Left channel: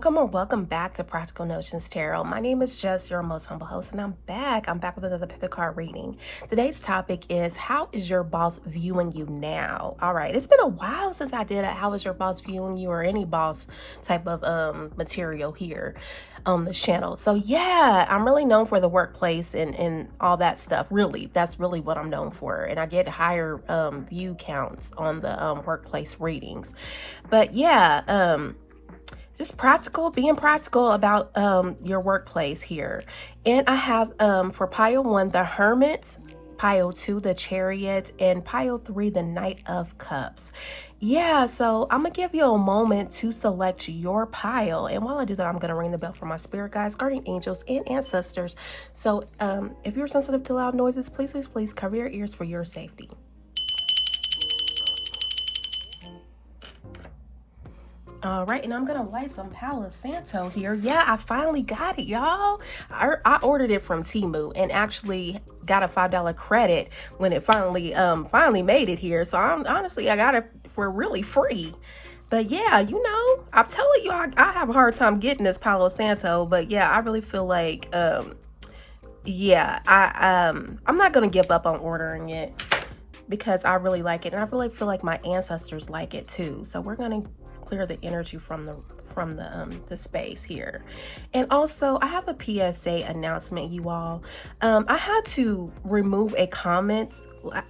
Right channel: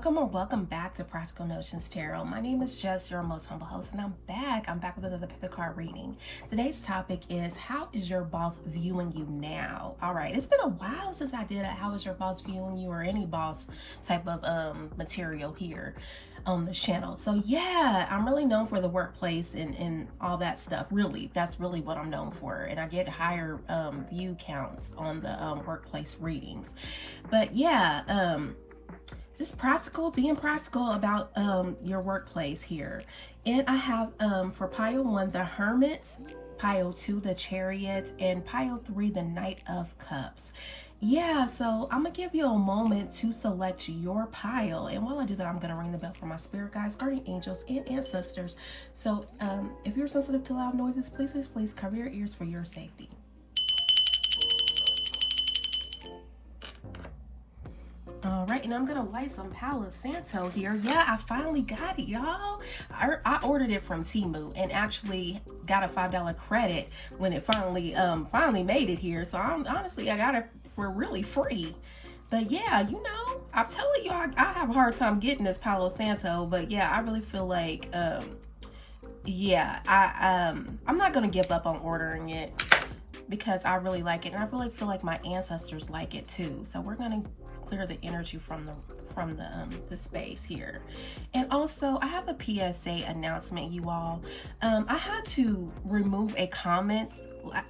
Welcome or welcome back to Practical Notions Tarot. My name is Jess, your most humble host, and I'm back. I'm back with another pick a card reading. Today's topic is, how is your boss viewing you now? All right, it's been a while since I did a how is your boss viewing you or any boss type of material here on this channel. So yeah, I'm really known for the workplace and all that stuff. Really, that's really what I'm known for. And I get higher view counts on the workplace readings. But yeah, just being practical about your workplace here. And I have for pile 1 the Hermit, pile 2 the Chariot, and pile 3 the Knight of Cups. Yeah, so I'm gonna give you a moment to select your pile, and while I do that, I'm gonna ring the bell for my spirit guides, guardian angels, and ancestors. So if you're sensitive to loud noises, please cover your ears for your safety. All right, and I'm gonna light some Palo Santo here. Yeah, I finally got it, y'all. I ordered it from Temu and actually got a $5 credit when it finally made it here. So I got it for really free. But yeah, you know, I'm telling you, I have a hard time getting this Palo Santo. But yeah, I really feel like I'm not gonna give up on ordering it because I really like it, and I really feel like my ancestors like it too. So we're gonna clear the energy from the space here. And also, I have a PSA announcement, you all. I had to remove a comment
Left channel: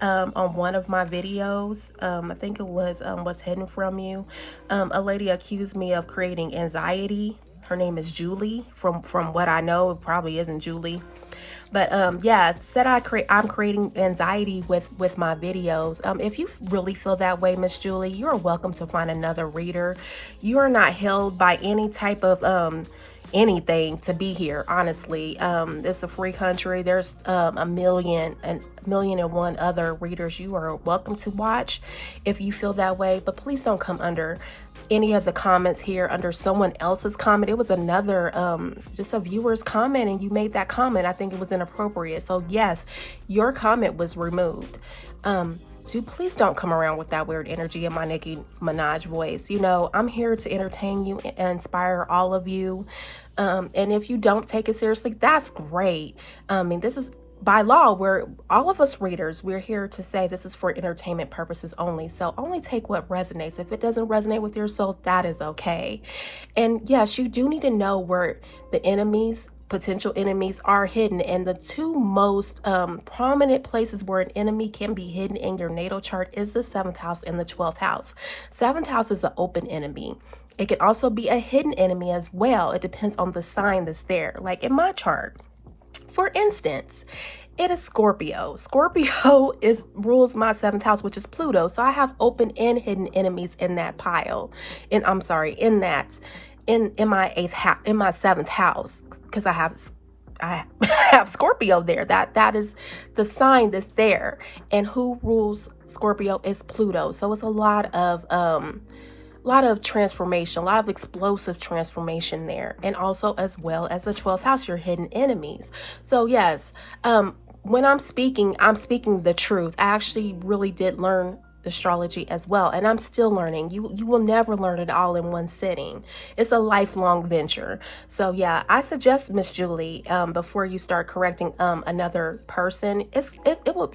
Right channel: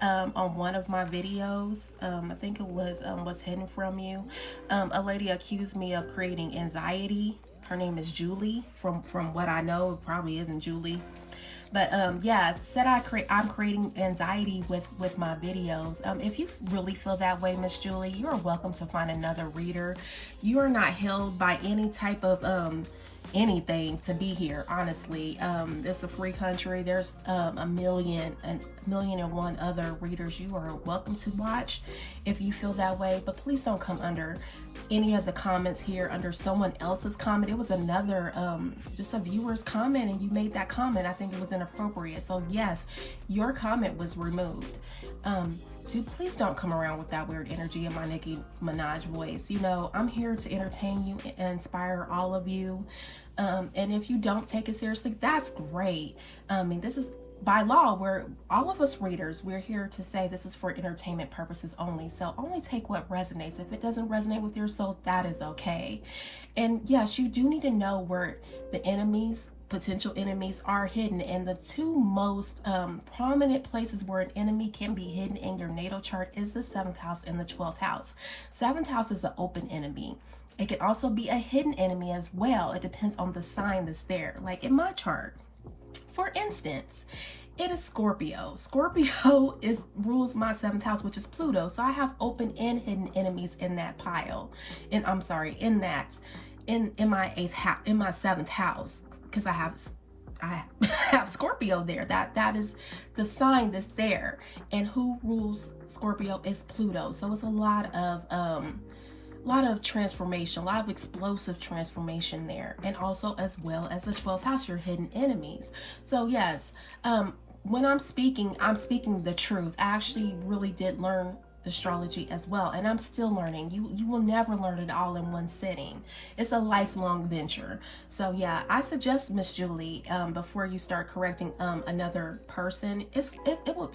on one of my videos. I think it was What's Hidden From You. A lady accused me of creating anxiety. Her name is Julie. From what I know, it probably isn't Julie. But yeah, said I'm creating anxiety with my videos. If you really feel that way, Miss Julie, you are welcome to find another reader. You are not held by any type of anything to be here. Honestly, it's a free country. There's a million and one other readers you are welcome to watch if you feel that way. But please don't come under any of the comments here under someone else's comment. It was another just a viewer's comment, and you made that comment. I think it was inappropriate. So yes, your comment was removed. Please don't come around with that weird energy in my Nicki Minaj voice. You know, I'm here to entertain you and inspire all of you. And if you don't take it seriously, that's great. I mean, this is by law, all of us readers, we're here to say this is for entertainment purposes only. So only take what resonates. If it doesn't resonate with your soul, that is okay. And yes, you do need to know where the potential enemies are hidden. And the two most prominent places where an enemy can be hidden in your natal chart is the 7th house and the 12th house. 7th house is the open enemy. It can also be a hidden enemy as well. It depends on the sign that's there. Like in my chart, for instance, it is Scorpio. Scorpio rules my 7th house, which is Pluto. So I have open and hidden enemies in that pile. And I'm sorry, in my 7th house, because I have Scorpio there. That is the sign that's there. And who rules Scorpio is Pluto. So it's a lot of transformation, a lot of explosive transformation there. And also, as well as the 12th house, your hidden enemies. So yes, when I'm speaking the truth. I actually really did learn astrology as well, and I'm still learning. You will never learn it all in one sitting. It's a lifelong venture. So yeah, I suggest, Miss Julie, before you start correcting another person,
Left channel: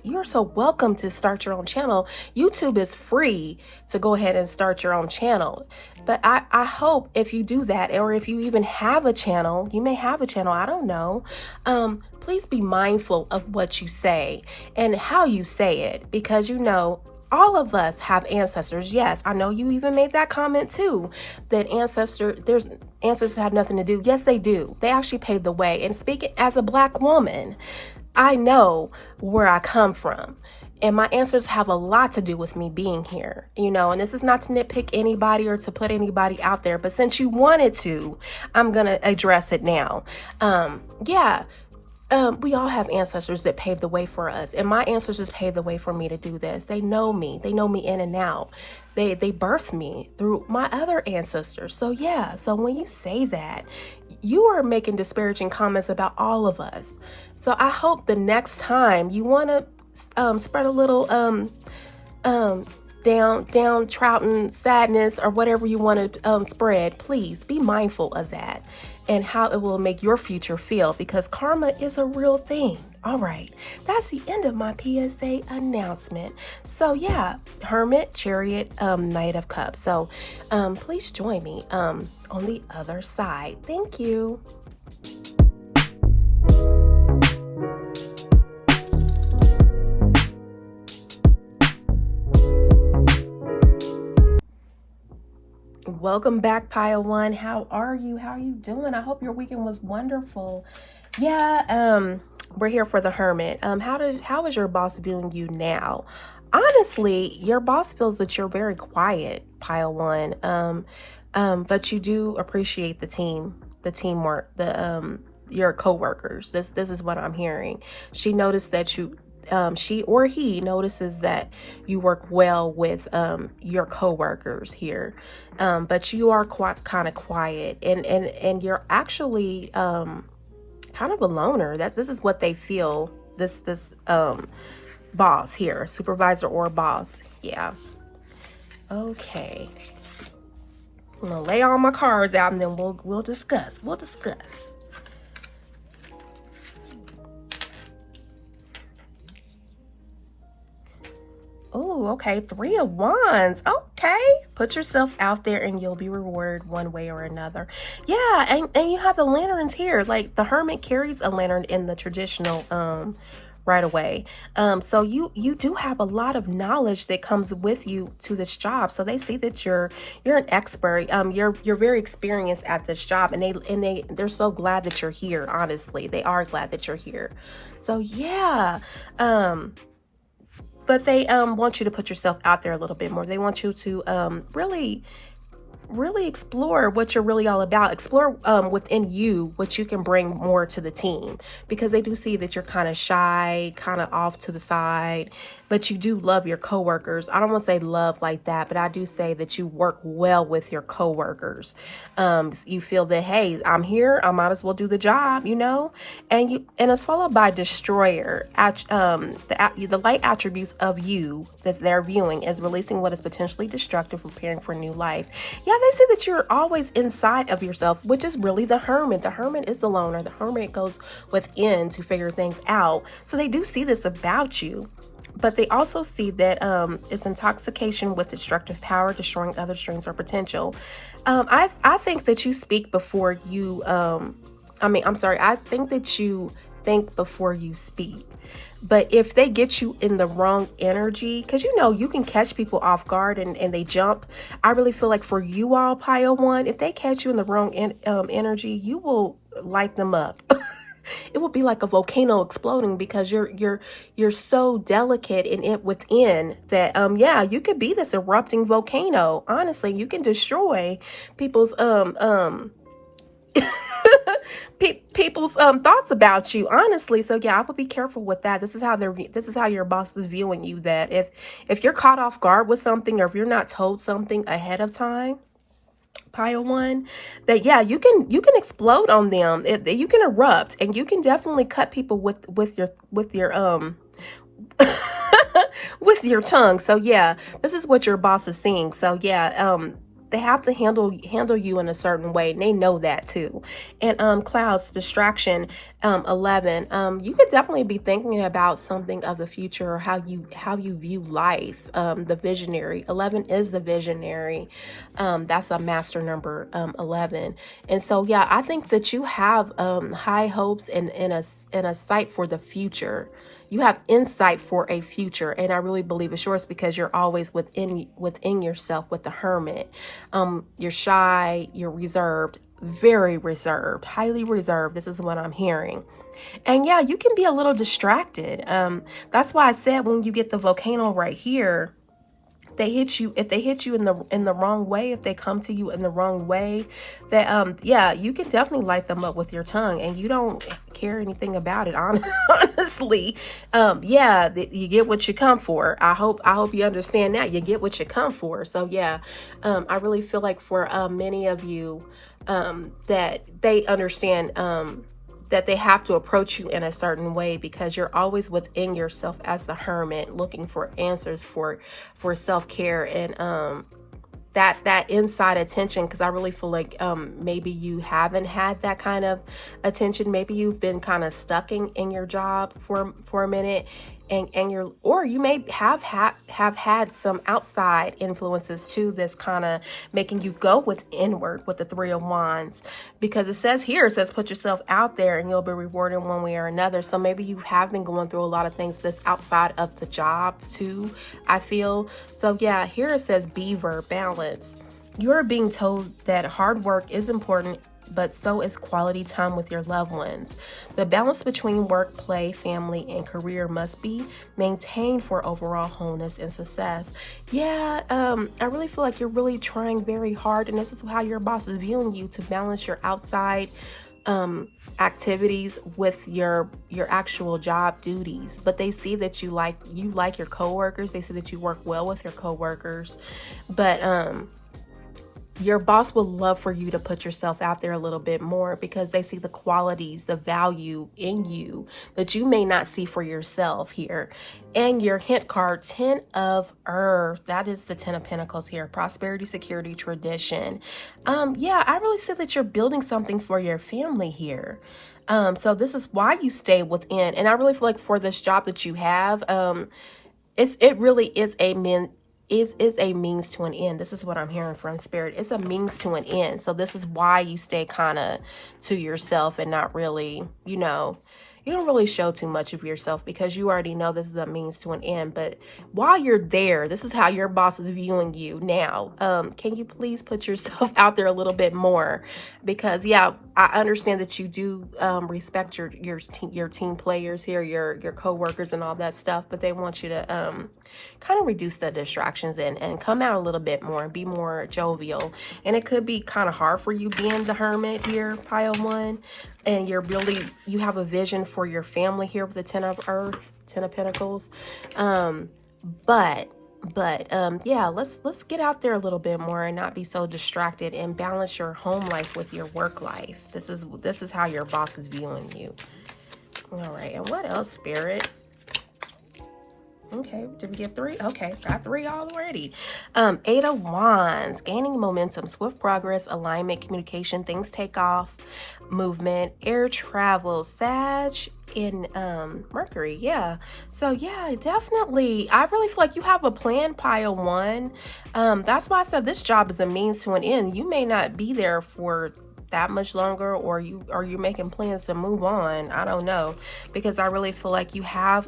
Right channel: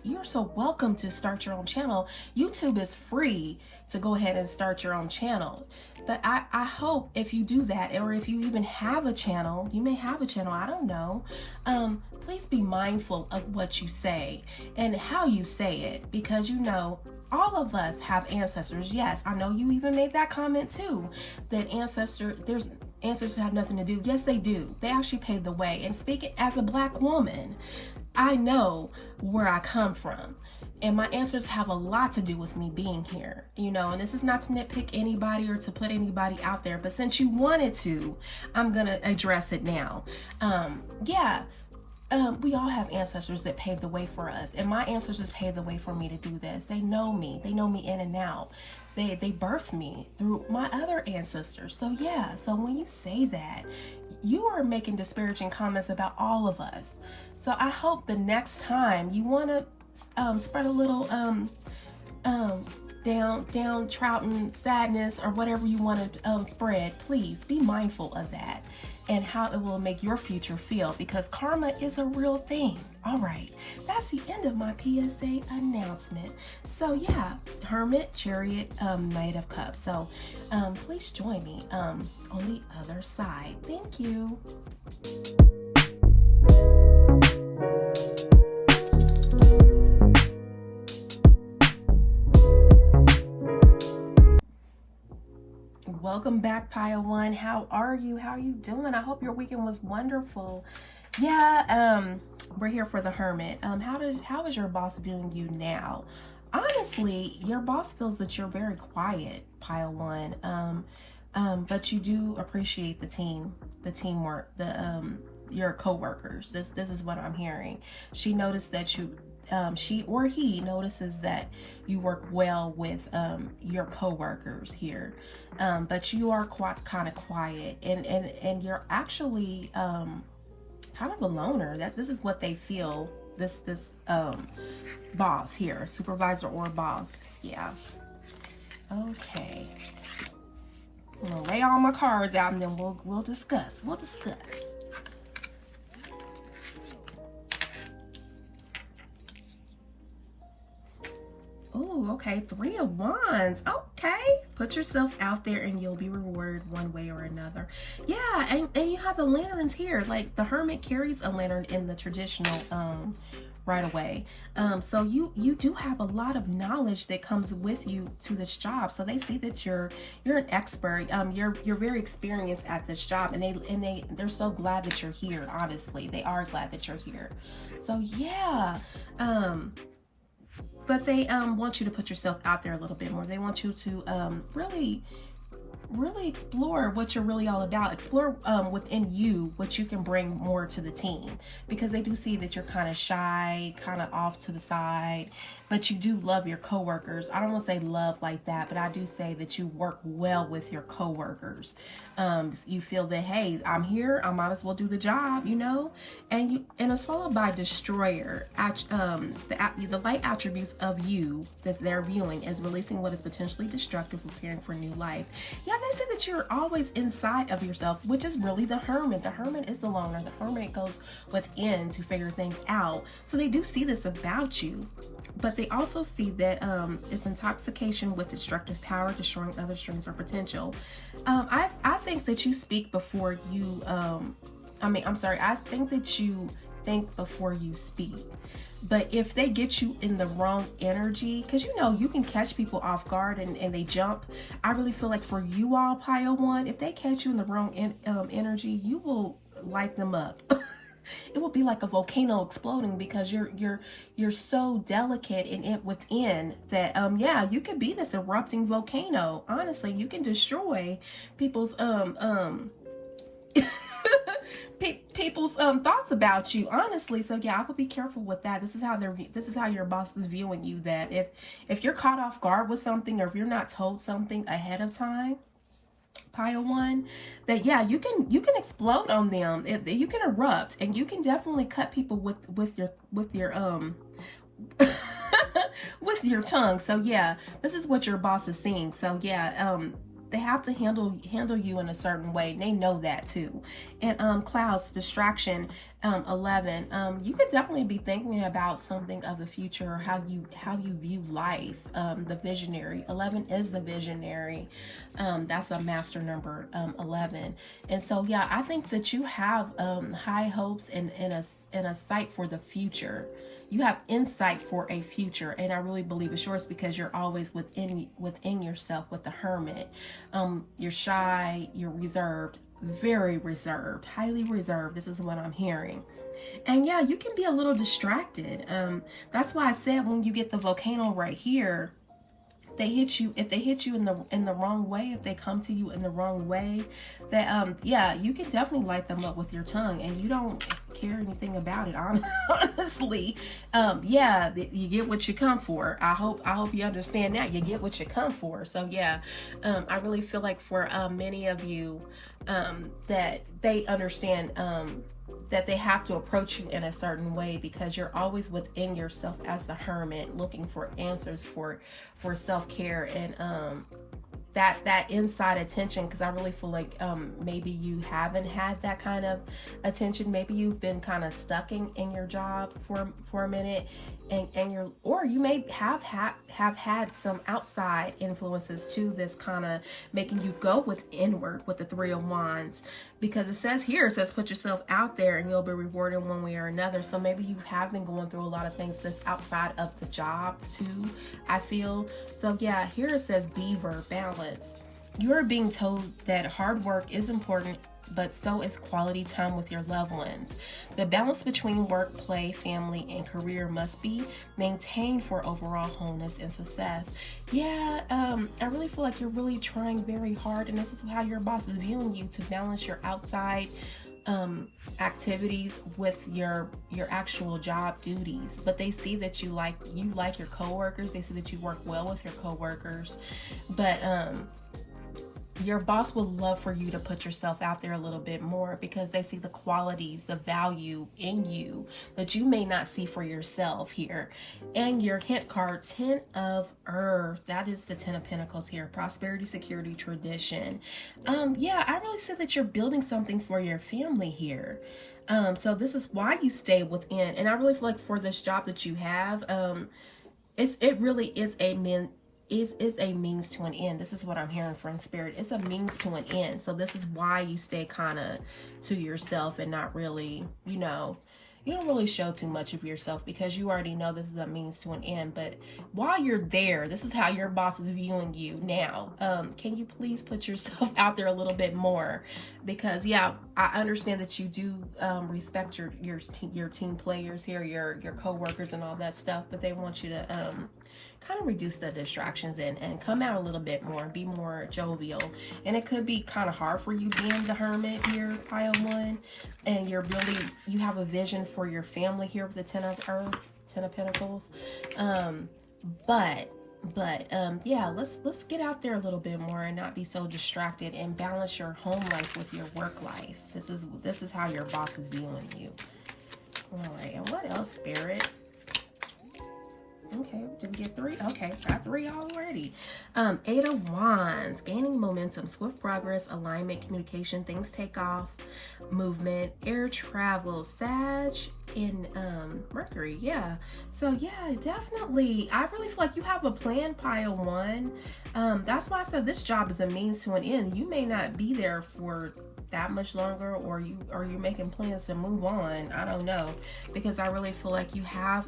you're so welcome to start your own channel. YouTube is free to go ahead and start your own channel. But I hope if you do that, or if you even have a channel, you may have a channel, I don't know, please be mindful of what you say and how you say it, because you know, all of us have ancestors. Yes, I know you even made that comment too, that ancestors have nothing to do. Yes, they do. They actually paved the way. And speaking as a Black woman, I know where I come from. And my ancestors have a lot to do with me being here, you know, and this is not to nitpick anybody or to put anybody out there, but since you wanted to, I'm going to address it now. We all have ancestors that paved the way for us, and my ancestors paved the way for me to do this. They know me in and out. They birthed me through my other ancestors. So yeah, so when you say that, you are making disparaging comments about all of us. So I hope the next time you want to spread a little downtrodden sadness or whatever you want to spread, please be mindful of that and how it will make your future feel, because karma is a real thing. All right, that's the end of my PSA announcement. So yeah, Hermit, Chariot, Knight of Cups. So please join me on the other side. Thank you. Welcome back, Pile One. How are you? How are you doing? I hope your weekend was wonderful. Yeah, we're here for the Hermit. How is your boss viewing you now? Honestly, your boss feels that you're very quiet, Pile One. But you do appreciate the teamwork, your coworkers. This is what I'm hearing. She noticed that she or he notices that you work well with your coworkers here, but you are kind of quiet, and you're actually kind of a loner. This is what they feel. This boss here, supervisor or boss. Yeah. Okay. I'm gonna lay all my cards out, and then we'll discuss. We'll discuss. Oh, okay. 3 of Wands. Okay. Put yourself out there and you'll be rewarded one way or another. Yeah, and you have the lanterns here. Like the Hermit carries a lantern in the traditional right away. So you do have a lot of knowledge that comes with you to this job. So they see that you're an expert. You're very experienced at this job, and they're so glad that you're here. Honestly, they are glad that you're here. So yeah. But they want you to put yourself out there a little bit more. They want you to really explore what you're really all about. Explore within you what you can bring more to the team, because they do see that you're kind of shy, kind of off to the side, but you do love your coworkers. I don't want to say love like that, but I do say that you work well with your coworkers. You feel that, hey, I'm here, I might as well do the job, you know? And it's followed by Destroyer. The light attributes of you that they're viewing is releasing what is potentially destructive, preparing for new life. Yeah, they say that you're always inside of yourself, which is really the Hermit. The Hermit is the loner. The Hermit goes within to figure things out. So they do see this about you. But they also see that it's intoxication with destructive power, destroying other strengths or potential. I think that you speak before you, I think that you think before you speak. But if they get you in the wrong energy, because you can catch people off guard and they jump. I really feel like for you all, Pile One, if they catch you in the wrong energy, you will light them up. It will be like a volcano exploding, because you're so delicate in it within that yeah, you could be this erupting volcano. Honestly, you can destroy people's people's thoughts about you, honestly. So yeah, I would be careful with that. This is how your boss is viewing you, that if you're caught off guard with something, or if you're not told something ahead of time, Pile One, that yeah, you can explode on them. You can erupt, and you can definitely cut people with your with your tongue. So yeah, this is what your boss is seeing. So yeah, they have to handle you in a certain way, and they know that too. And Clouds, Distraction, 11, you could definitely be thinking about something of the future, or how you view life. The Visionary, 11 is the Visionary. That's a master number, 11. And so yeah, I think that you have high hopes and a sight for the future. You have insight for a future, and I really believe it's yours, because you're always within yourself with the Hermit. You're shy, you're reserved, very reserved, highly reserved. This is what I'm hearing. And yeah, you can be a little distracted. That's why I said, when you get the volcano right here, if they hit you in the wrong way, if they come to you in the wrong way, that yeah, you can definitely light them up with your tongue, and you don't care anything about it. Honestly, yeah, you get what you come for. I hope you understand that. You get what you come for. So yeah, I really feel like for many of you, that they understand that they have to approach you in a certain way, because you're always within yourself as the hermit, looking for answers for self-care and that inside attention. Because I really feel like maybe you haven't had that kind of attention. Maybe you've been kind of stuck in your job for a minute, and you're, or you may have had some outside influences too that's kind of making you go inward with the Three of Wands. Because it says here, it says put yourself out there and you'll be rewarded one way or another. So maybe you have been going through a lot of things that's outside of the job too, I feel. So yeah, here it says Beaver, balance. You're being told that hard work is important, but so is quality time with your loved ones. The balance between work, play, family, and career must be maintained for overall wholeness and success. Yeah, I really feel like you're really trying very hard, and this is how your boss is viewing you, to balance your outside activities with your actual job duties. But they see that you like your coworkers. They see that you work well with your coworkers, but your boss would love for you to put yourself out there a little bit more, because they see the qualities, the value in you that you may not see for yourself here. And your hint card, 10 of Earth, that is the 10 of Pentacles here. Prosperity, security, tradition. Yeah, I really see that you're building something for your family here. So this is why you stay within. And I really feel like for this job that you have, it really is a a means to an end. This is what I'm hearing from Spirit. It's a means to an end. So this is why you stay kind of to yourself and not really, you don't really show too much of yourself, because you already know this is a means to an end. But while you're there, this is how your boss is viewing you now. Can you please put yourself out there a little bit more? Because yeah, I understand that you do respect your team players here, your co-workers and all that stuff, but they want you to kind of reduce the distractions and come out a little bit more and be more jovial. And it could be kind of hard for you being the hermit here, Pile 1, and you have a vision for your family here with the 10 of Earth, 10 of Pentacles. But yeah, let's get out there a little bit more and not be so distracted, and balance your home life with your work life. This is how your boss is viewing you. All right, and what else, Spirit? Okay, did we get 3? Okay, got 3 already. 8 of Wands, gaining momentum, swift progress, alignment, communication, things take off, movement, air travel, Sag in Mercury. Yeah, so yeah, definitely. I really feel like you have a plan, Pile 1. That's why I said this job is a means to an end. You may not be there for that much longer, or you're making plans to move on. I don't know, because I really feel like you have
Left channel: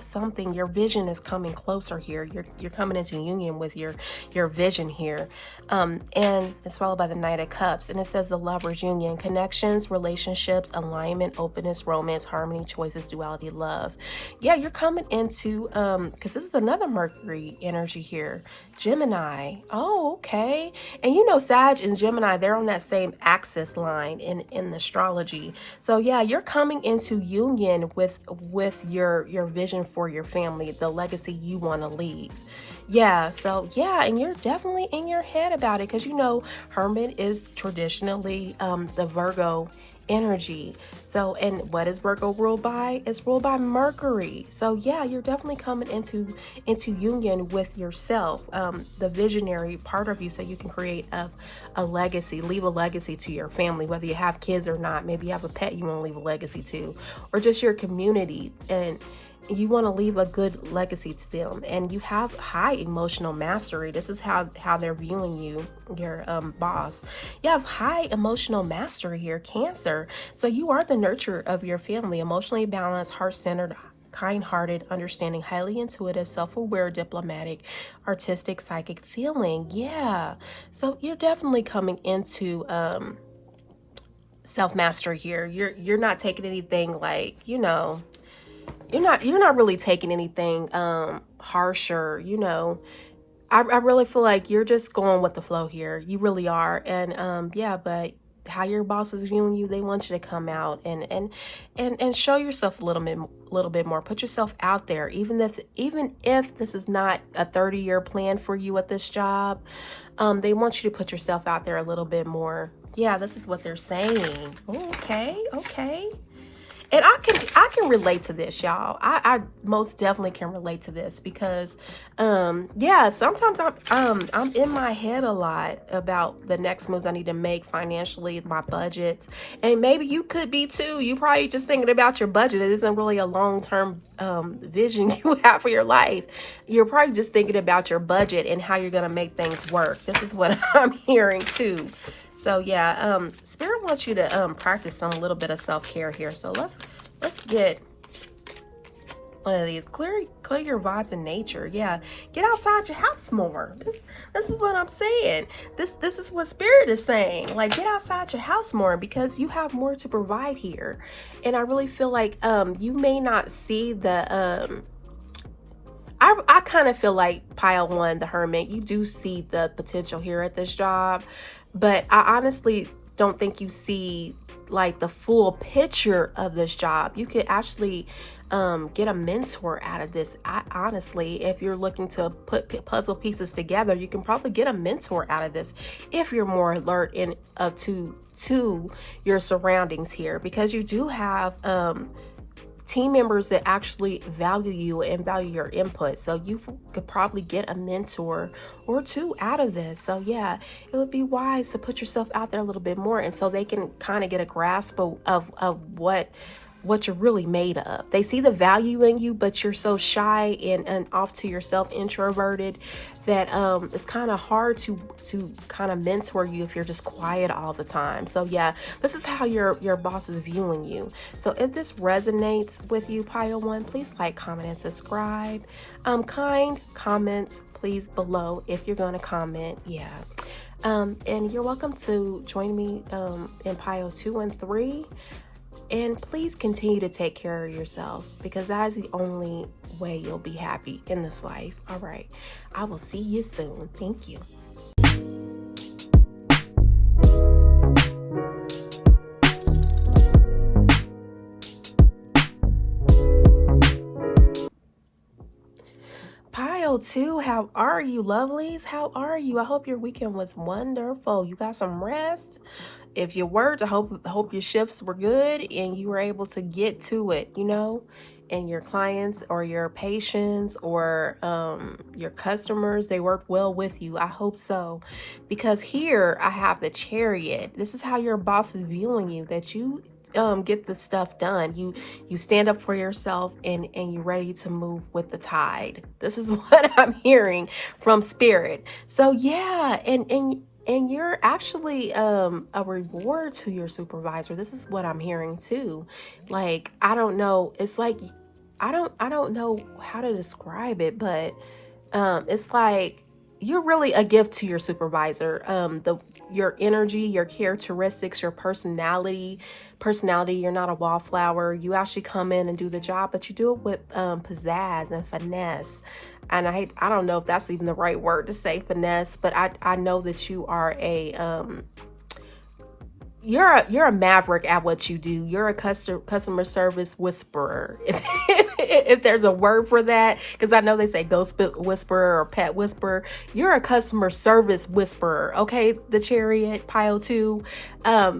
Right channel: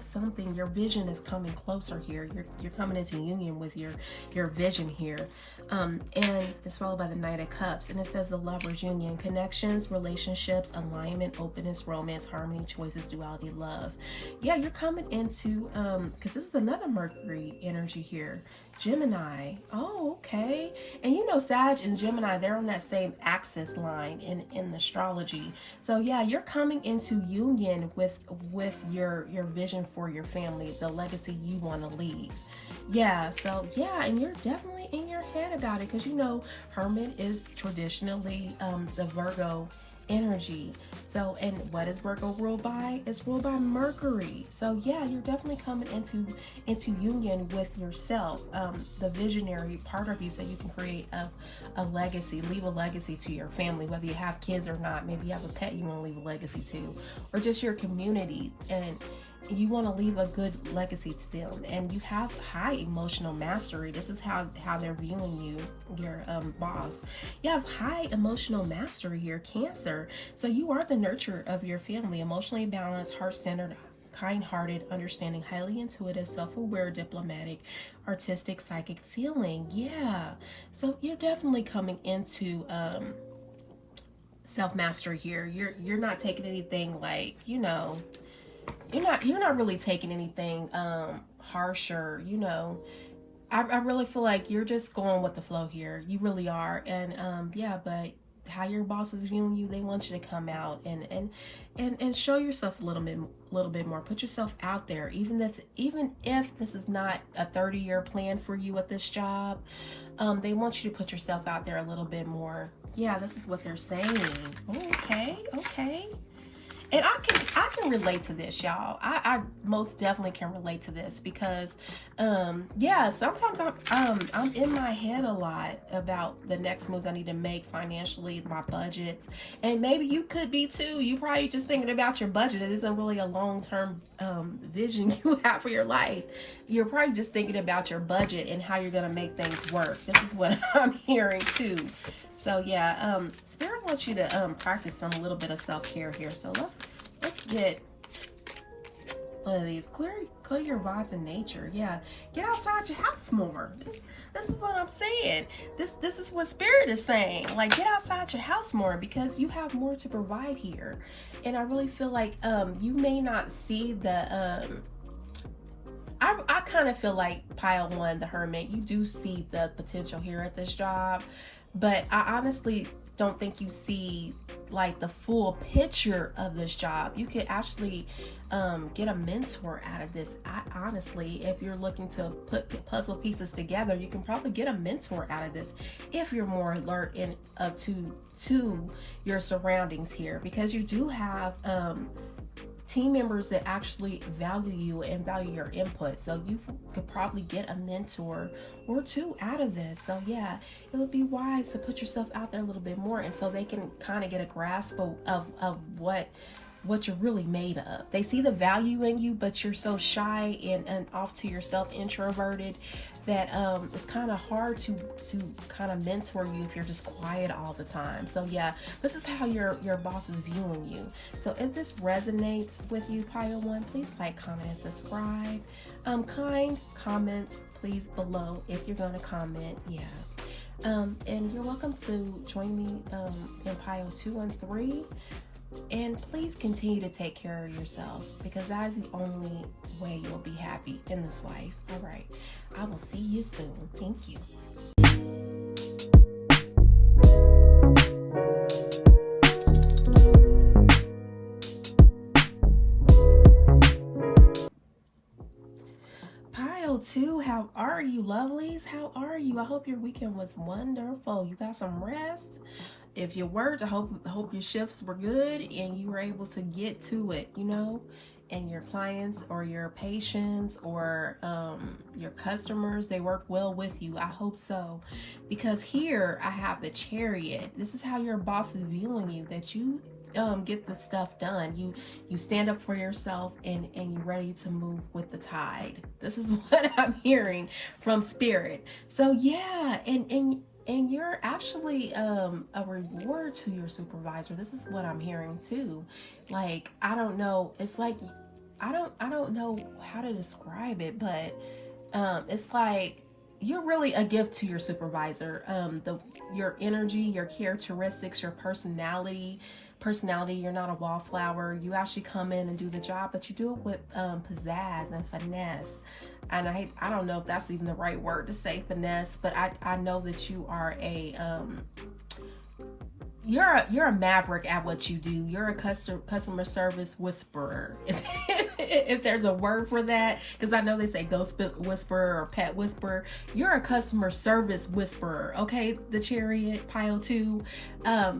something. Your vision is coming closer here. You're coming into union with your vision here, and it's followed by the Knight of Cups, and it says the Lover's union, connections, relationships, alignment, openness, romance, harmony, choices, duality, love. Yeah, you're coming into because this is another Mercury energy here, Gemini. Oh, okay. And Sag and Gemini, they're on that same axis line in the astrology. So yeah, you're coming into union with your vision for your family, the legacy you want to leave. Yeah, so yeah, and you're definitely in your head about it, because Hermit is traditionally the Virgo energy. So, and what is Virgo ruled by? It's ruled by Mercury. So yeah, you're definitely coming into union with yourself, the visionary part of you, so you can create a legacy, leave a legacy to your family, whether you have kids or not. Maybe you have a pet you want to leave a legacy to, or just your community, and you want to leave a good legacy to them. And you have high emotional mastery. This is how they're viewing you, your boss. You have high emotional mastery here, Cancer. So you are the nurturer of your family, emotionally balanced, heart-centered, kind-hearted, understanding, highly intuitive, self-aware, diplomatic, artistic, psychic feeling. Yeah, so you're definitely coming into self-mastery here. You're not taking anything like, you're not really taking anything harsher. I really feel like you're just going with the flow here. You really are. And yeah, but how your boss is viewing you, they want you to come out and show yourself a little bit more. Put yourself out there, even if this is not a 30-year plan for you at this job. They want you to put yourself out there a little bit more, Yeah, this is what they're saying. Okay, okay. And I can relate to this, y'all. I most definitely can relate to this because yeah, sometimes I'm in my head a lot about the next moves I need to make financially, my budgets. And maybe you could be too. You probably just thinking about your budget. It isn't really a long-term vision you have for your life. You're probably just thinking about your budget and how you're gonna make things work. This is what I'm hearing too. So yeah, Spirit wants you to practice some little bit of self-care here. So let's get one of these. Clear your vibes in nature. Yeah, get outside your house more. This is what I'm saying. This is what Spirit is saying. Like, get outside your house more because you have more to provide here. And I really feel like you may not see the I kind of feel like Pile 1, the Hermit, you do see the potential here at this job, but I honestly don't think you see like the full picture of this job. You could actually get a mentor out of this. Honestly, if you're looking to put puzzle pieces together, you can probably get a mentor out of this if you're more alert in to your surroundings here, because you do have team members that actually value you and value your input. So you could probably get a mentor or two out of this. So yeah, it would be wise to put yourself out there a little bit more, and so they can kind of get a grasp of what you're really made of. They see the value in you, but you're so shy and off to yourself, introverted, that it's kind of hard to kind of mentor you if you're just quiet all the time. So yeah, this is how your boss is viewing you. So if this resonates with you, Pile 1, please like, comment, and subscribe. Kind comments please below if you're going to comment. Yeah. And you're welcome to join me in Pile 2 and 3. And please continue to take care of yourself, because that is the only way you'll be happy in this life. All right. I will see you soon. Thank you. Pile 2, how are you, lovelies? How are you? I hope your weekend was wonderful. You got some rest. If you weren't, I hope your shifts were good and you were able to get to it, you know, and your clients or your patients or your customers, they work well with you. I hope so, because here I have the Chariot. This is how your boss is viewing you, that you get the stuff done. You stand up for yourself and you're ready to move with the tide. This is what I'm hearing from Spirit. So yeah, and you're actually a reward to your supervisor. This is what I'm hearing too. Like, I don't know, it's like I don't know how to describe it, but it's like you're really a gift to your supervisor. Your energy, your characteristics, your personality, you're not a wallflower. You actually come in and do the job, but you do it with pizzazz and finesse. And I don't know if that's even the right word to say, finesse, but I know that you are you're a maverick at what you do. You're a customer service whisperer. If there's a word for that, because I know they say ghost whisperer or pet whisperer. You're a customer service whisperer, okay? The Chariot, Pile 2.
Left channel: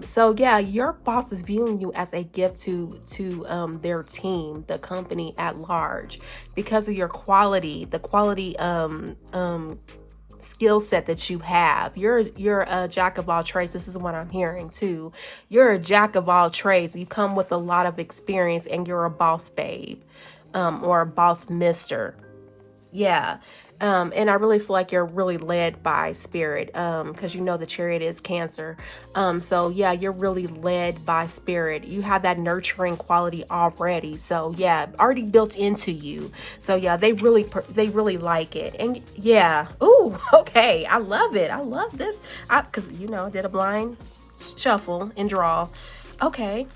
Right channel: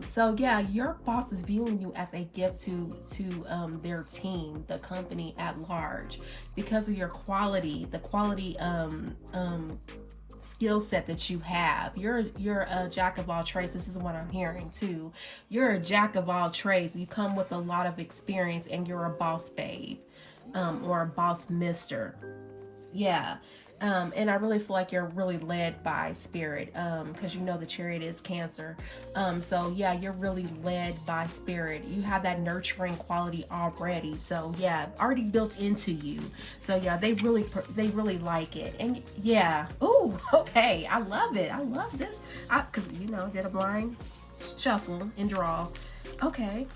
So yeah, your boss is viewing you as a gift to their team, the company at large, because of your quality, the quality skill set that you have. You're a jack of all trades. This is what I'm hearing too. You're a jack of all trades. You come with a lot of experience, and you're a boss babe, or a boss mister. Yeah. And I really feel like you're really led by Spirit, because you know the Chariot is Cancer. So yeah, you're really led by Spirit. You have that nurturing quality already. So yeah, already built into you. So yeah, they really like it. And yeah, ooh, okay, I love it. I love this. Because you know, I did a blind shuffle and draw. Okay,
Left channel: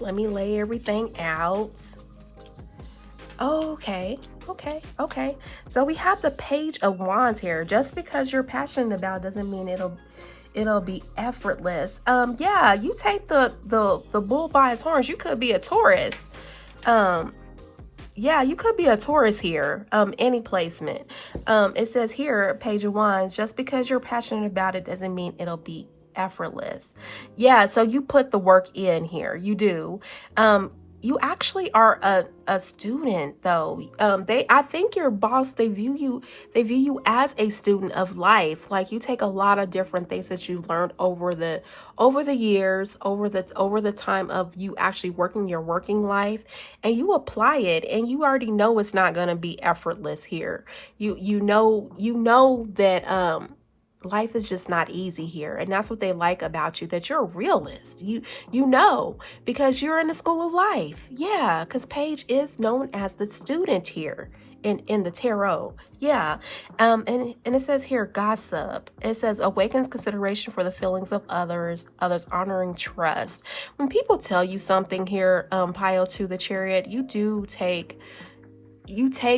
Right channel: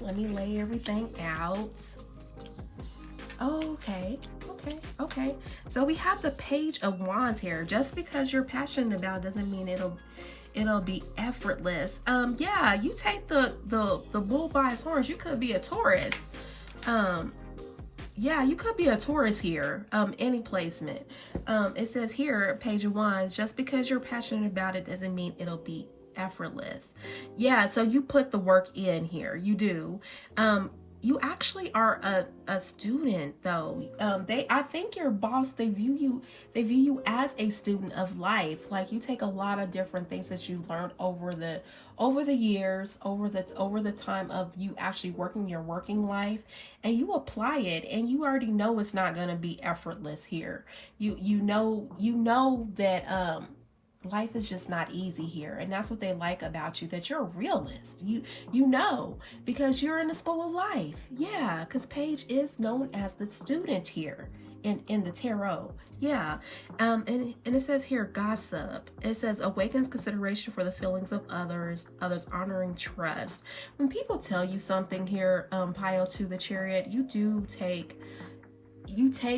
let me lay everything out. Okay. So we have the Page of Wands here. Just because you're passionate about doesn't mean it'll be effortless. Yeah, you take the bull by his horns. You could be a Taurus. Yeah, you could be a Taurus here. Any placement. It says here, Page of Wands, just because you're passionate about it doesn't mean it'll be effortless. Yeah, so you put the work in here. You do. You actually are a student though. I think your boss, they view you as a student of life. Like you take a lot of different things that you learned over the years, over the time of you actually working your working life, and you apply it, and you already know it's not going to be effortless here. You know that life is just not easy here, and that's what they like about you, that you're a realist. You know, because you're in the school of life. Yeah, because Paige is known as the student here in the tarot. Yeah. And it says here, gossip. It says awakens consideration for the feelings of others honoring trust. When people tell you something here, pile to the Chariot, you take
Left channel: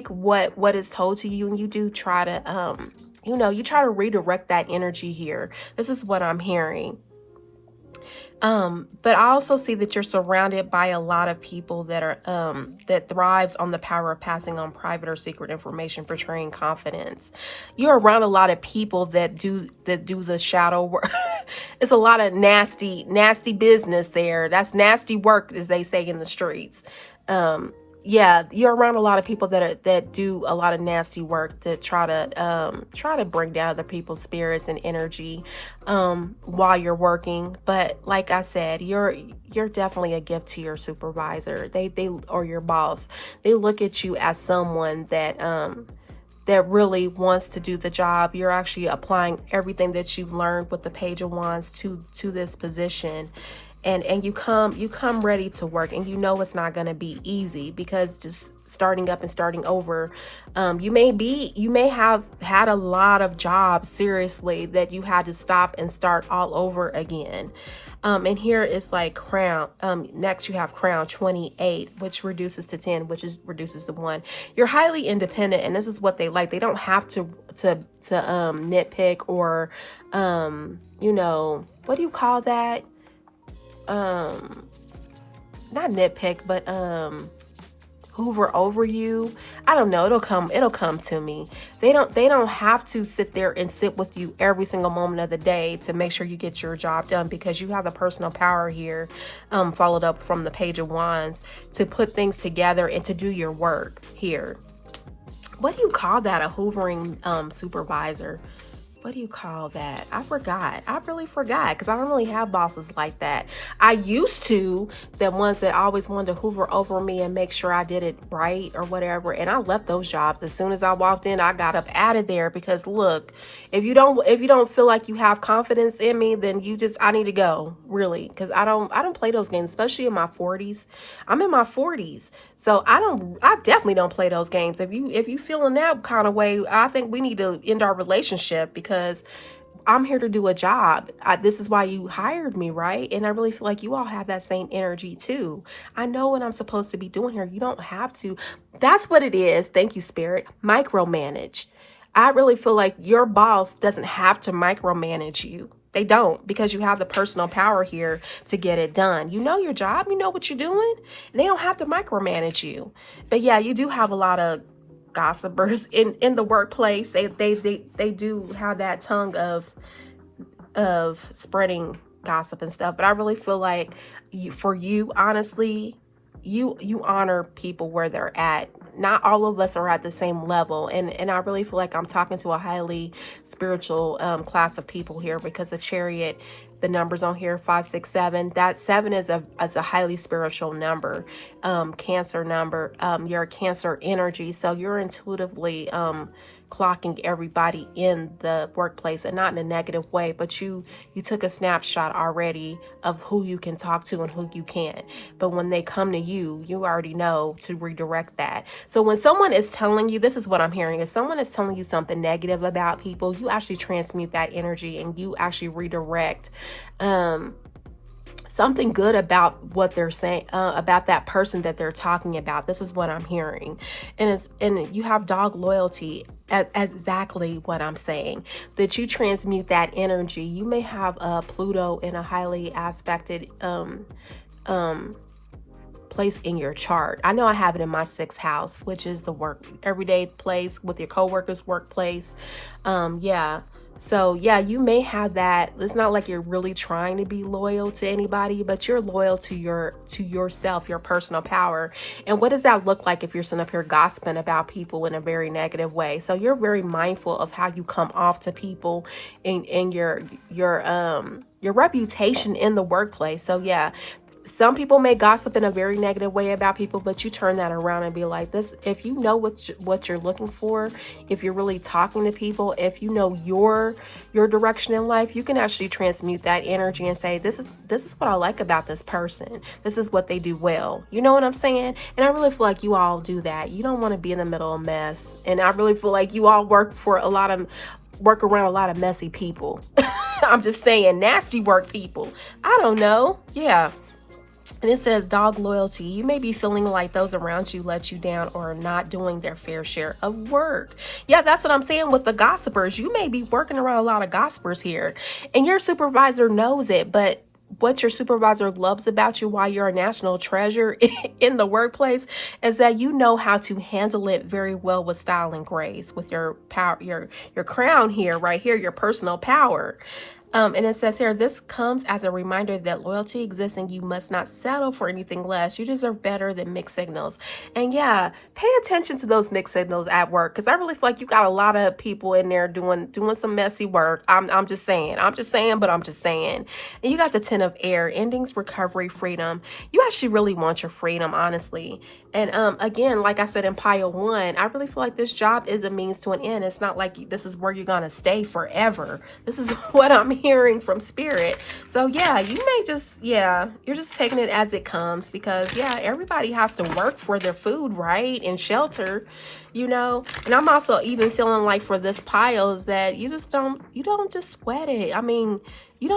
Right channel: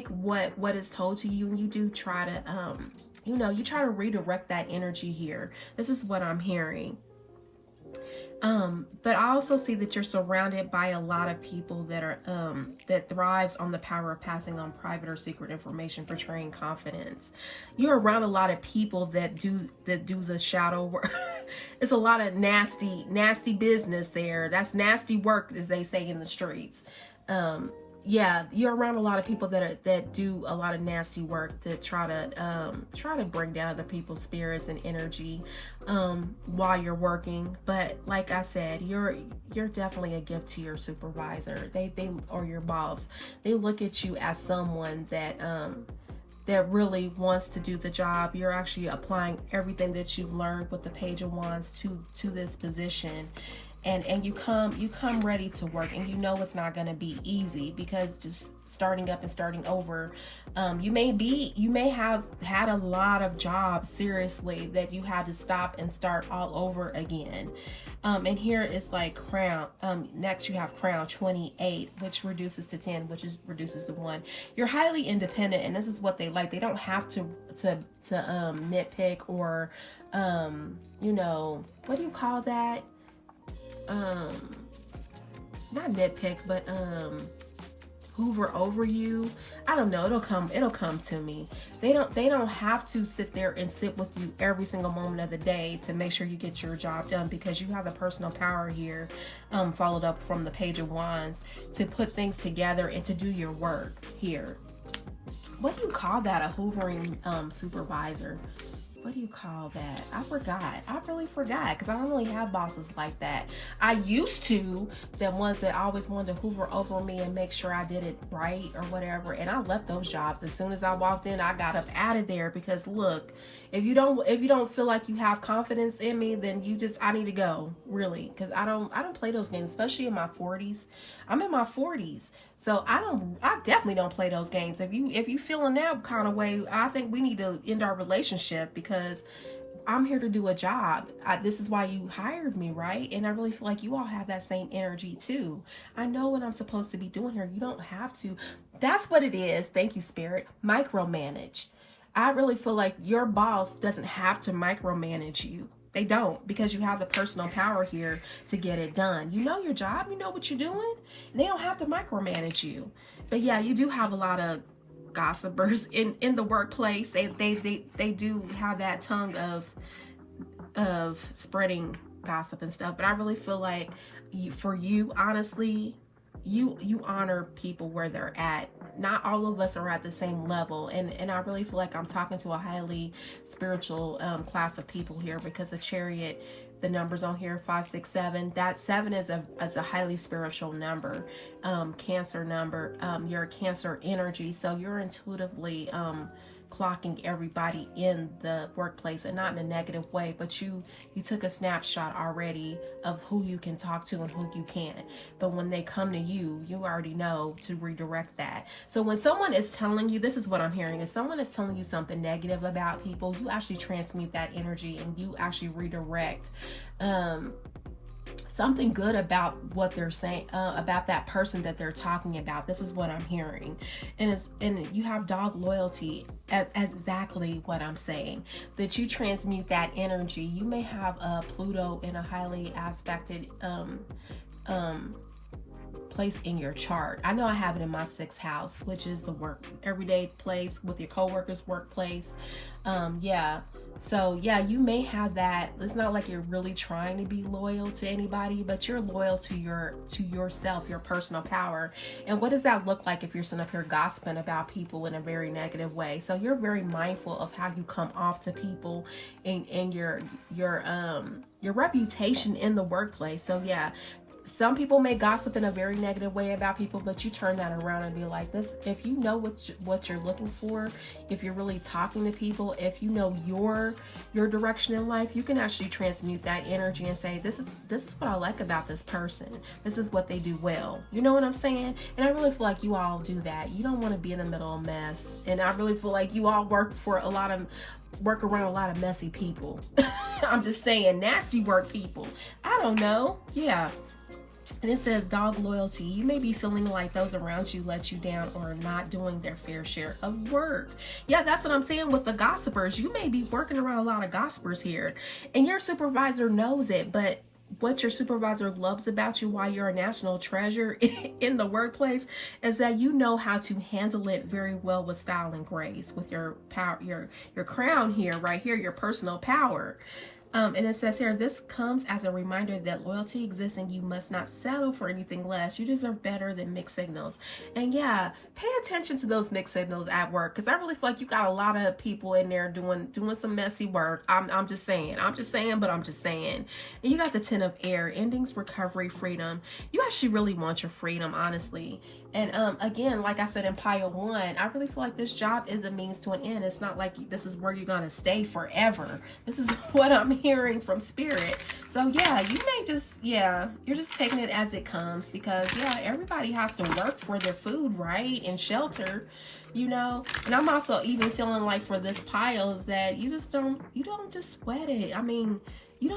what is told to you, and you do try to you try to redirect that energy here. This is what I'm hearing. But I also see that you're surrounded by a lot of people that are that thrives on the power of passing on private or secret information, portraying confidence. You're around a lot of people that do the shadow work. It's a lot of nasty business there. That's nasty work, as they say in the streets. Yeah, you're around a lot of people that do a lot of nasty work to try to bring down other people's spirits and energy while you're working. But like I said, you're definitely a gift to your supervisor. They or your boss. They look at you as someone that really wants to do the job. You're actually applying everything that you've learned with the Page of Wands to this position. And you come ready to work, and you know it's not going to be easy, because just starting up and starting over, you may have had a lot of jobs, seriously, that you had to stop and start all over again. And here it's like crown. Next you have crown 28, which reduces to 10, which reduces to 1. You're highly independent, and this is what they like. They don't have to nitpick or what do you call that? Not nitpick, but hoover over you. I don't know, it'll come to me. They don't have to sit there and sit with you every single moment of the day to make sure you get your job done, because you have the personal power here, followed up from the Page of Wands, to put things together and to do your work here. What do you call that? A hoovering supervisor? What do you call that? I forgot. I really forgot, because I don't really have bosses like that. I used to, the ones that always wanted to hoover over me and make sure I did it right or whatever. And I left those jobs as soon as I walked in. I got up out of there, because look, if you don't feel like you have confidence in me, then I need to go, really, because I don't play those games, especially in my 40s. I'm in my 40s, so I definitely don't play those games. If you feel in that kind of way, I think we need to end our relationship, because I'm here to do a job. This is why you hired me, right? And I really feel like you all have that same energy too. I know what I'm supposed to be doing here. You don't have to. That's what it is. Thank you, Spirit. Micromanage. I really feel like your boss doesn't have to micromanage you. They don't, because you have the personal power here to get it done. You know your job. You know what you're doing. They don't have to micromanage you. But yeah, you do have a lot of gossipers in the workplace. They do have that tongue of spreading gossip and stuff. But I really feel like for you, honestly, you honor people where they're at. Not all of us are at the same level, and I really feel like I'm talking to a highly spiritual class of people here, because the Chariot, the numbers on here, 5, 6, 7, that 7 is a highly spiritual number, Cancer number. You're a Cancer energy, so you're intuitively clocking everybody in the workplace, and not in a negative way, but you took a snapshot already of who you can talk to and who you can't. But when they come to you, you already know to redirect that. So when someone is telling you, this is what I'm hearing, if someone is telling you something negative about people, you actually transmute that energy, and you actually redirect something good about what they're saying, about that person that they're talking about. This is what I'm hearing. And you have dog loyalty, exactly what I'm saying, that you transmute that energy. You may have Pluto in a highly aspected place in your chart. I know I have it in my 6th house, which is the work, everyday place with your coworkers, workplace. Yeah. So yeah, you may have that. It's not like you're really trying to be loyal to anybody, but you're loyal to yourself, your personal power. And what does that look like if you're sitting up here gossiping about people in a very negative way? So you're very mindful of how you come off to people and your reputation in the workplace. So yeah, some people may gossip in a very negative way about people, but you turn that around and be like, this, if you know what you're looking for, if you're really talking to people, if you know your direction in life, you can actually transmute that energy and say, this is what I like about this person. This is what they do well. You know what I'm saying? And I really feel like you all do that. You don't want to be in the middle of mess. And I really feel like you all work around a lot of messy people. I'm just saying, nasty work people. I don't know. Yeah. And it says dog loyalty. You may be feeling like those around you let you down or are not doing their fair share of work. Yeah, that's what I'm saying with the gossipers. You may be working around a lot of gossipers here and your supervisor knows it, but what your supervisor loves about you, why you're a national treasure in the workplace, is that you know how to handle it very well with style and grace, with your power, your crown here, right here, your personal power. And it says here, this comes as a reminder that loyalty exists and you must not settle for anything less. You deserve better than mixed signals. And yeah, pay attention to those mixed signals at work, because I really feel like you got a lot of people in there doing some messy work. I'm just saying, but I'm just saying. And you got the 10 of air, endings, recovery, freedom. You actually really want your freedom, honestly. And again, like I said in pile 1, I really feel like this job is a means to an end. It's not like this is where you're going to stay forever. This is what I'm hearing from spirit. So yeah, you may just, yeah, you're just taking it as it comes, because yeah, everybody has to work for their food, right? And shelter, you know. And I'm also even feeling like for this pile is that you don't just sweat it. I mean, you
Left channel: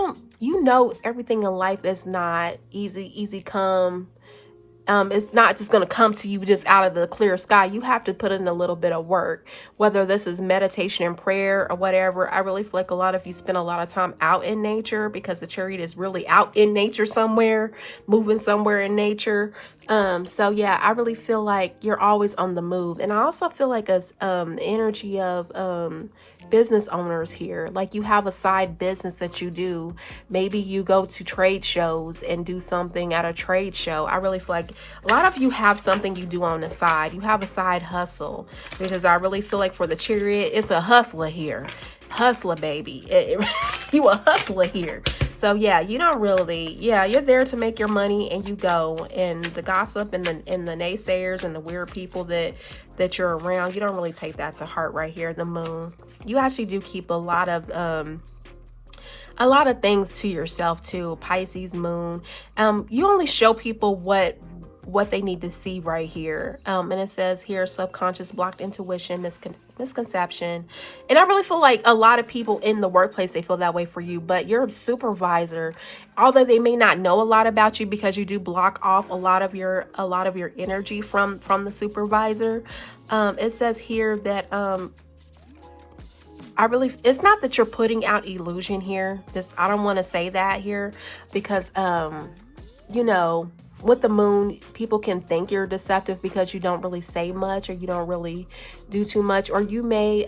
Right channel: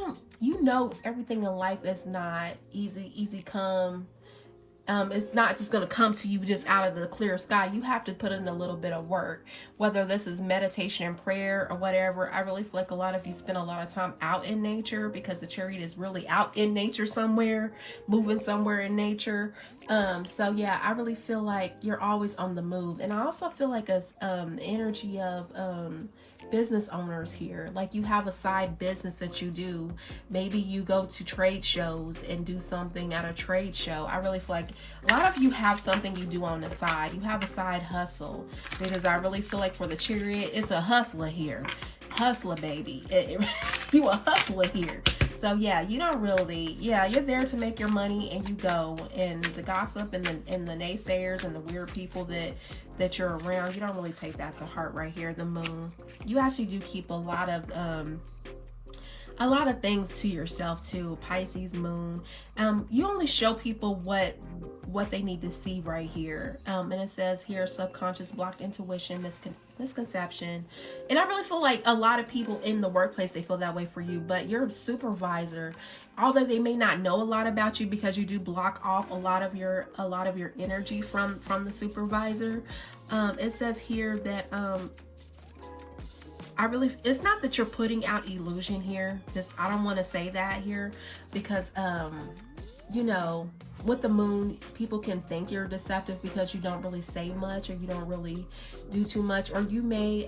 know, everything in life is not easy come. It's not just going to come to you just out of the clear sky. You have to put in a little bit of work, whether this is meditation and prayer or whatever. I really feel like a lot of you spend a lot of time out in nature, because the Chariot is really out in nature somewhere, moving somewhere in nature. So yeah, I really feel like you're always on the move. And I also feel like a energy of business owners here, like you have a side business that you do. Maybe you go to trade shows and do something at a trade show. I really feel like a lot of you have something you do on the side. You have a side hustle, because I really feel like for the Chariot, it's a hustler here. Hustler, baby. You a hustler here. So yeah, you don't really, yeah, you're there to make your money and you go. And the gossip and the naysayers and the weird people that you're around, you don't really take that to heart right here. The moon, you actually do keep a lot of things to yourself too. Pisces moon, you only show people what they need to see right here. And it says here, subconscious, blocked intuition, misconception. And I really feel like a lot of people in the workplace, they feel that way for you, but your supervisor, although they may not know a lot about you, because you do block off a lot of your energy from the supervisor. It says here that it's not that you're putting out illusion here. I don't want to say that here, because you know, with the moon, people can think you're deceptive because you don't really say much, or you don't really do too much, or you may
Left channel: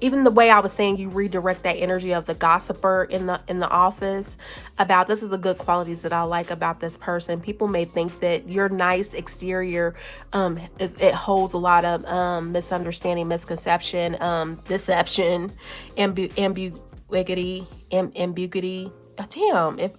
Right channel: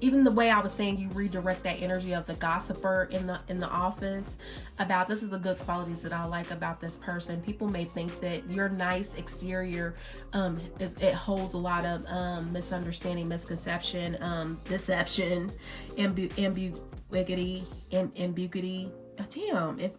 even the way I was saying, you redirect that energy of the gossiper in the office about, this is the good qualities that I like about this person. People may think that your nice exterior it holds a lot of misunderstanding, misconception, deception, ambiguity. Damn, if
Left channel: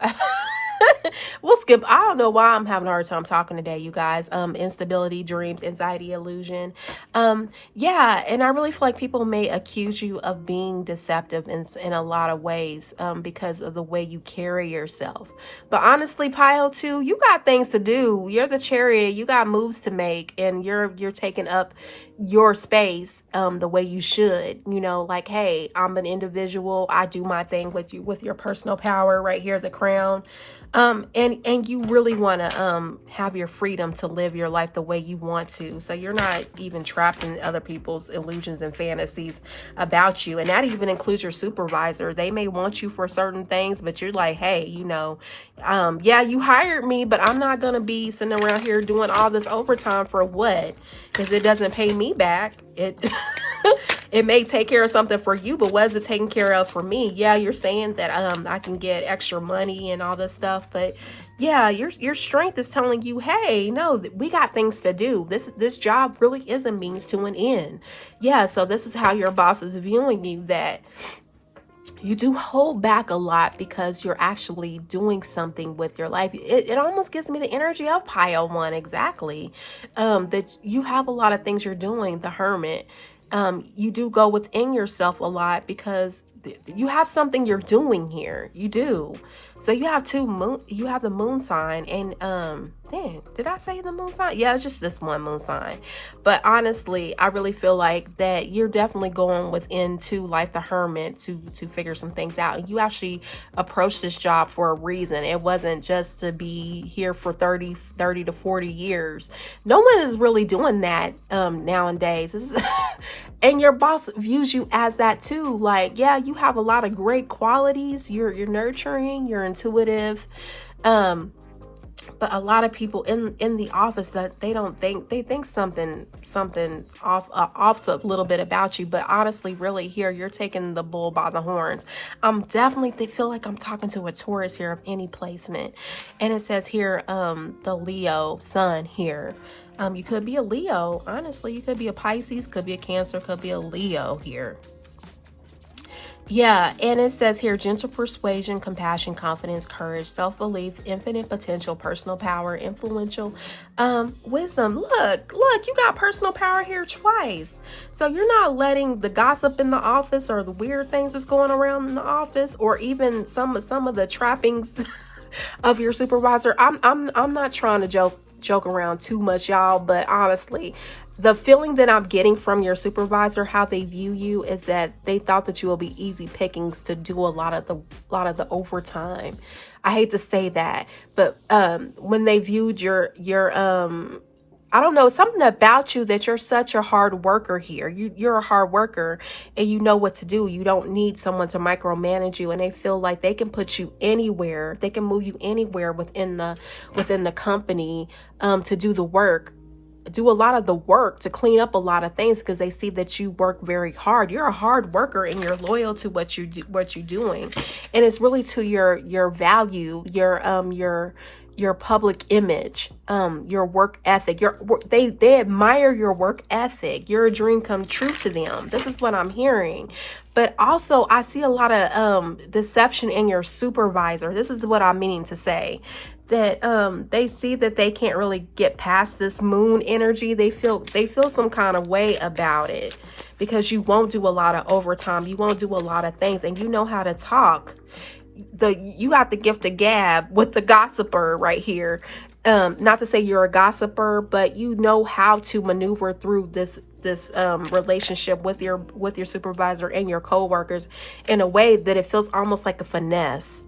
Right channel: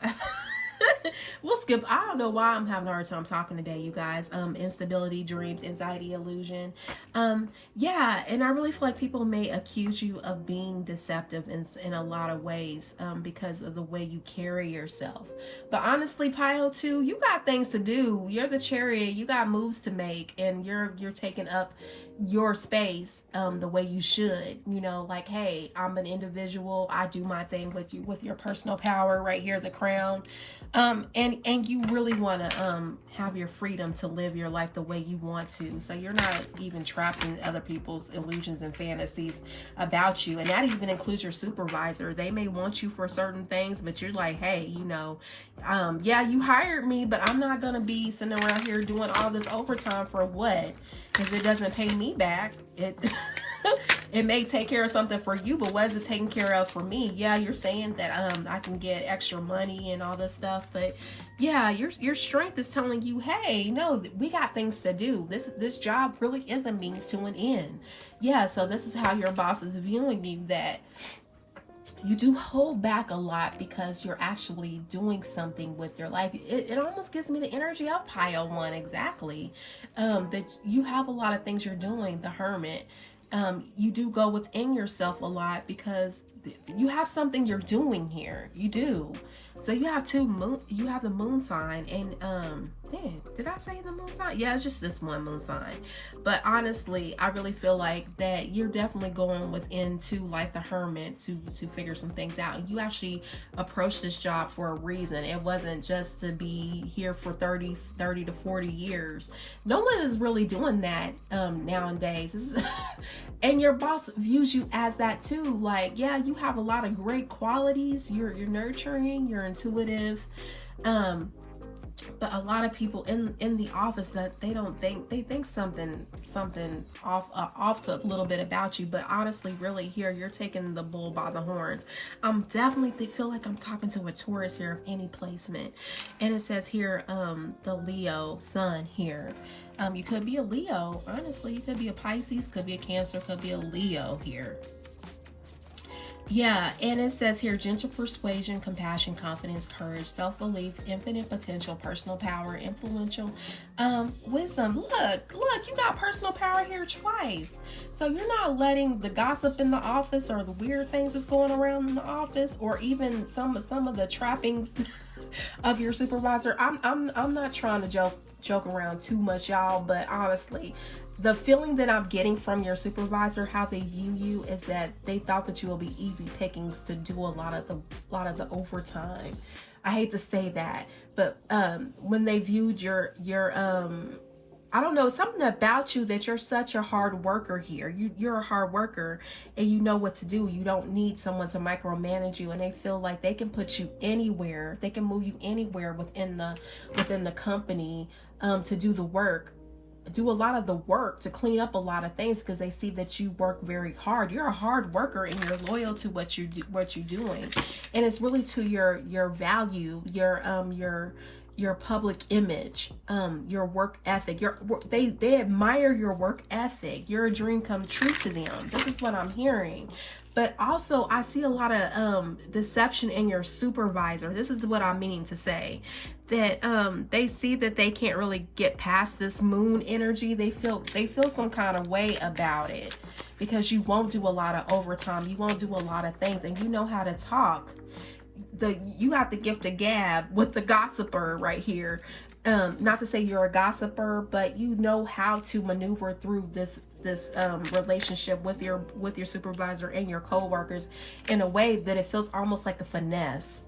we'll skip. I don't know why I'm having a hard time talking today, you guys. Instability, dreams, anxiety, illusion. Yeah, and I really feel like people may accuse you of being deceptive in a lot of ways because of the way you carry yourself. But honestly, pile 2, you got things to do. You're the Chariot. You got moves to make, and you're taking up your space the way you should. You know, like, hey, I'm an individual. I do my thing with you, with your personal power right here, the crown. And you really want to have your freedom to live your life the way you want to. So you're not even trapped in other people's illusions and fantasies about you. And that even includes your supervisor. They may want you for certain things, but you're like, hey, you know, yeah, you hired me, but I'm not going to be sitting around here doing all this overtime for what? Because it doesn't pay me back. It may take care of something for you, but what is it taking care of for me? Yeah, you're saying that I can get extra money and all this stuff, but yeah, your strength is telling you, hey, no, we got things to do. This job really is a means to an end. Yeah, so this is how your boss is viewing you, that you do hold back a lot because you're actually doing something with your life. It almost gives me the energy of pile one, exactly. That you have a lot of things you're doing, the Hermit. You do go within yourself a lot because you have something you're doing here. You do. So you have you have the moon sign, and dang, did I say the moon sign? Yeah, it's just this one moon sign. But honestly, I really feel like that you're definitely going within to like the Hermit to figure some things out. And you actually approached this job for a reason. It wasn't just to be here for 30 to 40 years. No one is really doing that nowadays. And your boss views you as that too. Like, yeah, you have a lot of great qualities. You're nurturing, you're intuitive. But a lot of people in the office, that they think something off a little bit about you. But honestly, really here, you're taking the bull by the horns. They feel like I'm talking to a Taurus here of any placement. And it says here, the Leo sun here. You could be a Leo. Honestly, you could be a Pisces, could be a Cancer, could be a Leo here. Yeah, and it says here, gentle persuasion, compassion, confidence, courage, self-belief, infinite potential, personal power, influential, wisdom. Look, you got personal power here twice. So you're not letting the gossip in the office or the weird things that's going around in the office, or even some of the trappings of your supervisor. I'm not trying to joke around too much, y'all, but honestly, the feeling that I'm getting from your supervisor, how they view you, is that they thought that you will be easy pickings to do a lot of the overtime. I hate to say that, but when they viewed your I don't know, something about you, that you're such a hard worker here. You're a hard worker and you know what to do. You don't need someone to micromanage you, and they feel like they can put you anywhere. They can move you anywhere within the company to do the work. Do a lot of the work, to clean up a lot of things, because they see that you work very hard. You're a hard worker and you're loyal to what you do, what you're doing, and it's really to your value, your public image, your work ethic. They admire your work ethic. You're a dream come true to them. This is what I'm hearing. But also, I see a lot of deception in your supervisor. This is what I'm meaning to say. That they see that they can't really get past this moon energy. They feel some kind of way about it, because you won't do a lot of overtime. You won't do a lot of things, and you know how to talk. You got the gift of gab with the gossiper right here. Not to say you're a gossiper, but you know how to maneuver through this relationship with your supervisor and your coworkers in a way that it feels almost like a finesse.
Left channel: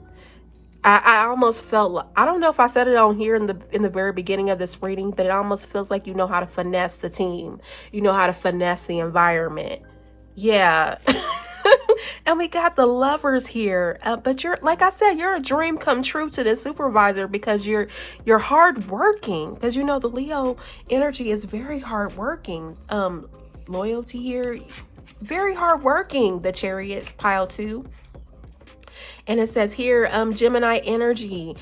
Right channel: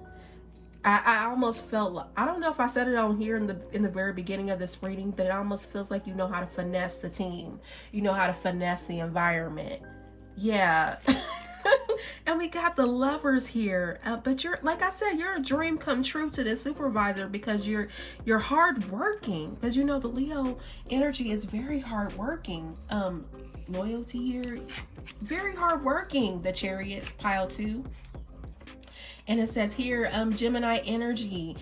I almost felt, I don't know if I said it on here in the very beginning of this reading, but it almost feels like you know how to finesse the team. You know how to finesse the environment. Yeah. And we got the Lovers here, but you're, like I said, you're a dream come true to this supervisor, because you're hard working, because you know the Leo energy is very hard working. Loyalty here, very hard working. The Chariot, pile 2. And it says here, Gemini energy.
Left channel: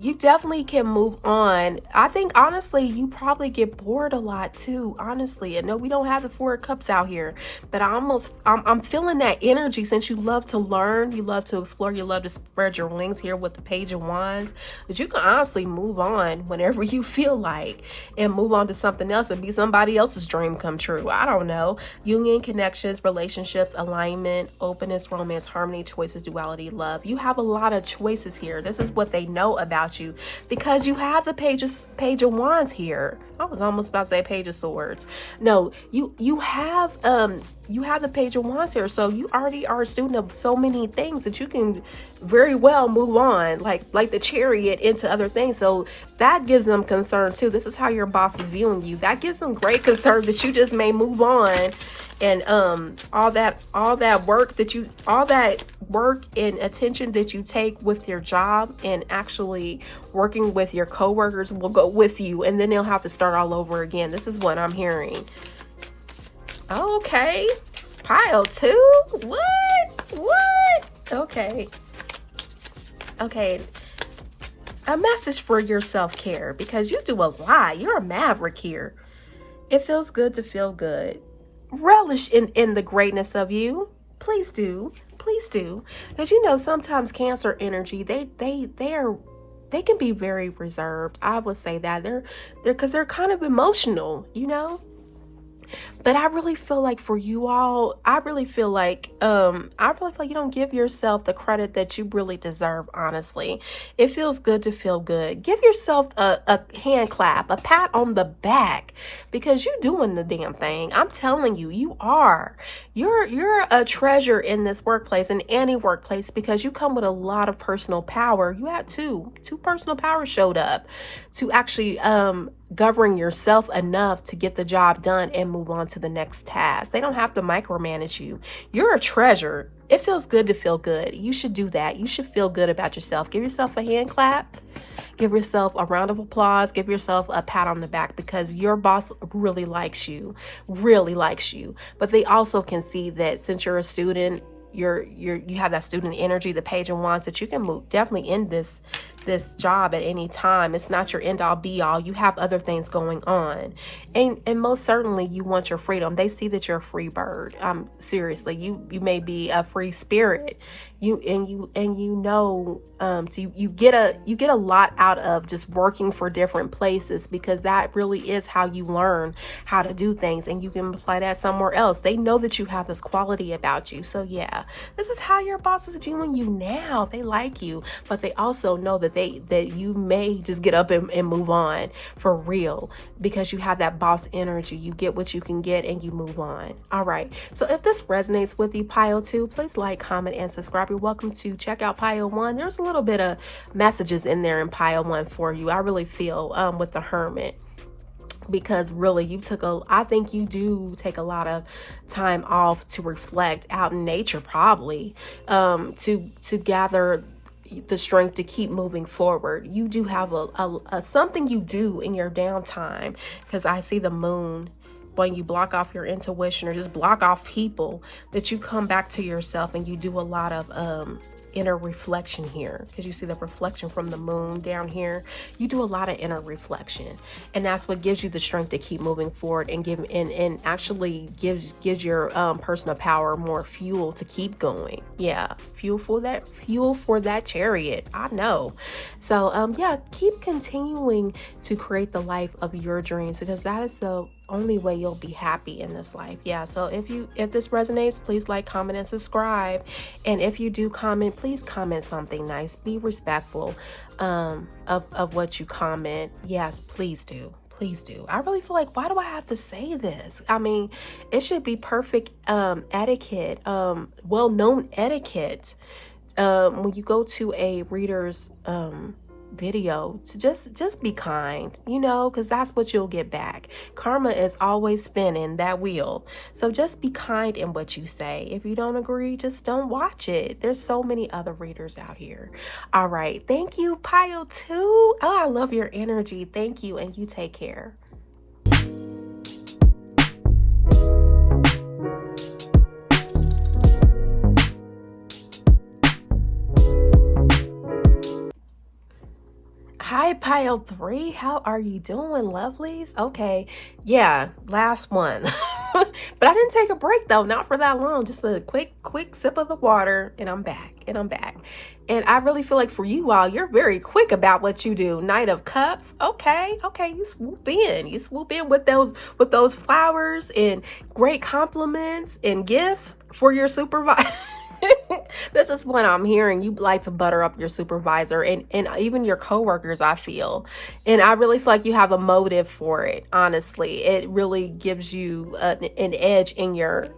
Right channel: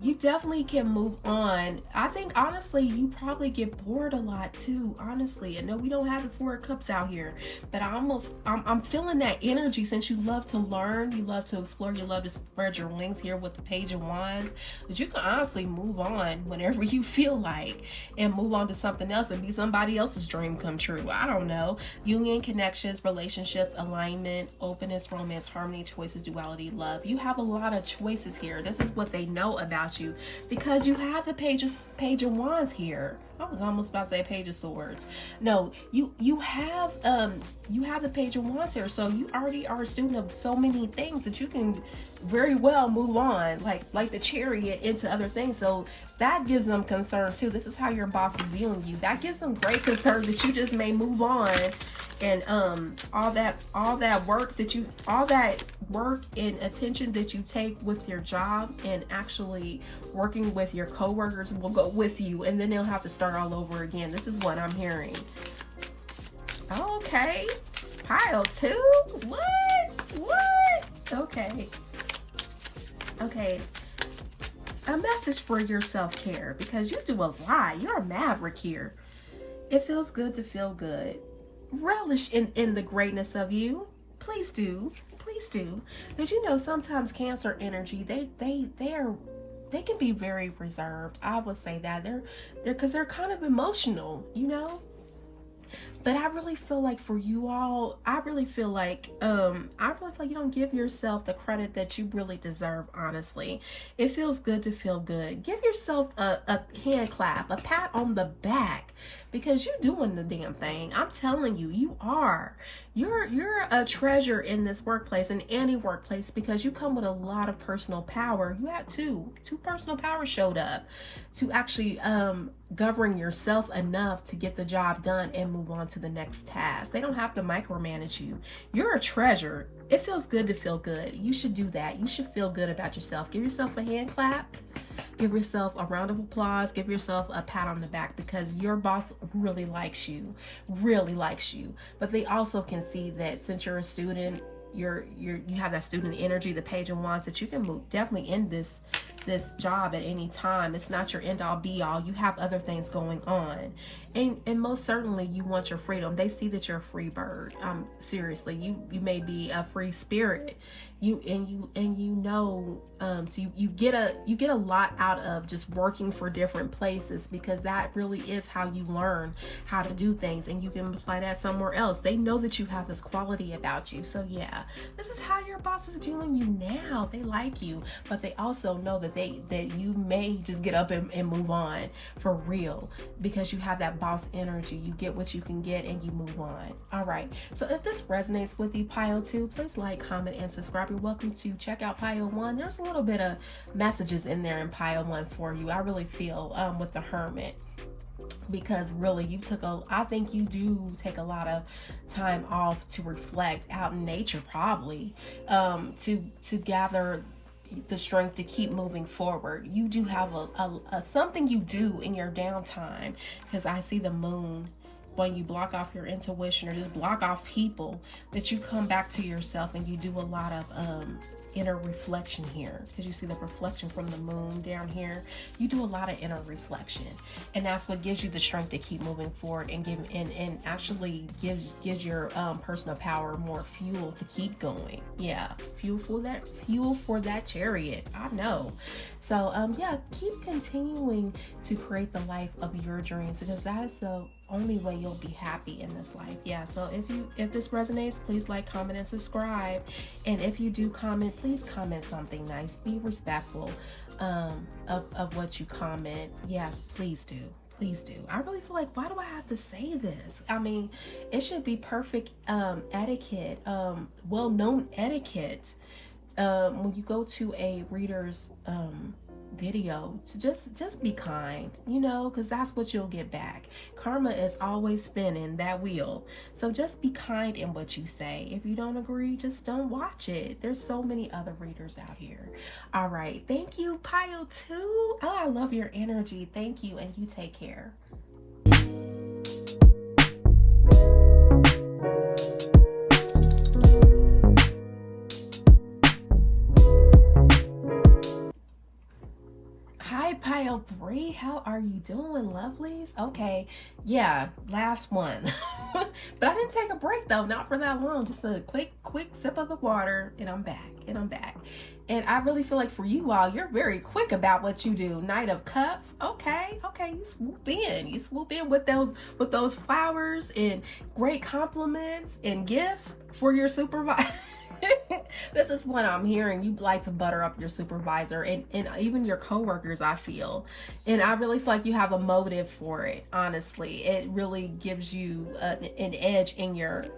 You definitely can move on. I think, honestly, you probably get bored a lot too, honestly. I know we don't have the 4 of Cups out here, but I'm feeling that energy, since you love to learn, you love to explore, you love to spread your wings here with the Page of Wands. But you can honestly move on whenever you feel like, and move on to something else and be somebody else's dream come true. I don't know. Union, connections, relationships, alignment, openness, romance, harmony, choices, duality, love. You have a lot of choices here. This is what they know about you, because you have the Page of Wands here. I was almost about to say Page of Swords. No, you have the Page of Wands here, so you already are a student of so many things that you can very well move on, like the Chariot, into other things. So that gives them concern too. This is how your boss is viewing you. That gives them great concern that you just may move on, and all that work and attention that you take with your job and actually working with your coworkers will go with you, and then they'll have to start all over again. This is what I'm hearing. Okay. Pile 2? What? Okay. Okay. A message for your self-care, because you do a lot. You're a maverick here. It feels good to feel good. Relish in the greatness of you. Please do. Please do. Because you know, sometimes Cancer energy, they can be very reserved. I would say that they're because they're kind of emotional, you know. But I really feel like for you all, I really feel like you don't give yourself the credit that you really deserve, honestly. It feels good to feel good. Give yourself a hand clap, a pat on the back, because you're doing the damn thing. I'm telling you, you are. You're a treasure in this workplace, in any workplace, because you come with a lot of personal power. You had two personal powers showed up to actually govern yourself enough to get the job done and move on to the next task. They don't have to micromanage you. You're a treasure. It feels good to feel good. You should do that. You should feel good about yourself. Give yourself a hand clap. Give yourself a round of applause. Give yourself a pat on the back, because your boss really likes you, But they also can see that since you're a student, you have that student energy, the Page of Wands, that you can move definitely in this job at any time. It's not your end all be all. You have other things going on, and most certainly you want your freedom. They see that you're a free bird. Seriously, you may be a free spirit. You get a lot out of just working for different places, because that really is how you learn how to do things, and you can apply that somewhere else. They know that you have this quality about you. So yeah, this is how your boss is viewing you now. They like you, but they also know that you may just get up and move on for real, because you have that boss energy. You get what you can get and you move on. All right, so if this resonates with you, pile 2, please like, comment, and subscribe. You're welcome to check out pile 1. There's a little bit of messages in there in pile 1 for you. I really feel with the Hermit, because really I think you do take a lot of time off to reflect out in nature, probably to gather the strength to keep moving forward. You do have a something you do in your downtime, because I see the moon. When you block off your intuition or just block off people, that you come back to yourself and you do a lot of inner reflection here, because you see the reflection from the moon down here. You do a lot of inner reflection, and that's what gives you the strength to keep moving forward and actually gives your personal power more fuel to keep going. Yeah, fuel for that chariot. I know. So yeah, keep continuing to create the life of your dreams, because that is the only way you'll be happy in this life. Yeah, so if this resonates, please like, comment, and subscribe. And if you do comment, please comment something nice. Be respectful of what you comment. Yes, please do. Please do. I really feel like, why do I have to say this? I mean, it should be perfect etiquette, well-known etiquette when you go to a reader's video, to just be kind, you know, because that's what you'll get back. Karma is always spinning that wheel. So just be kind in what you say. If you don't agree, just don't watch it. There's so many other readers out here. All right, thank you, pile 2. Oh, I love your energy. Thank you, and you take care. Hi, pile 3. How are you doing, lovelies? Okay, yeah, last one. But I didn't take a break though, not for that long. Just a quick sip of the water, and I'm back. And I really feel like for you all, you're very quick about what you do. Knight of Cups. Okay, you swoop in with those flowers and great compliments and gifts for your supervisor. This is what I'm hearing. You like to butter up your supervisor and even your coworkers, I feel. And I really feel like you have a motive for it, honestly. It really gives you an edge in your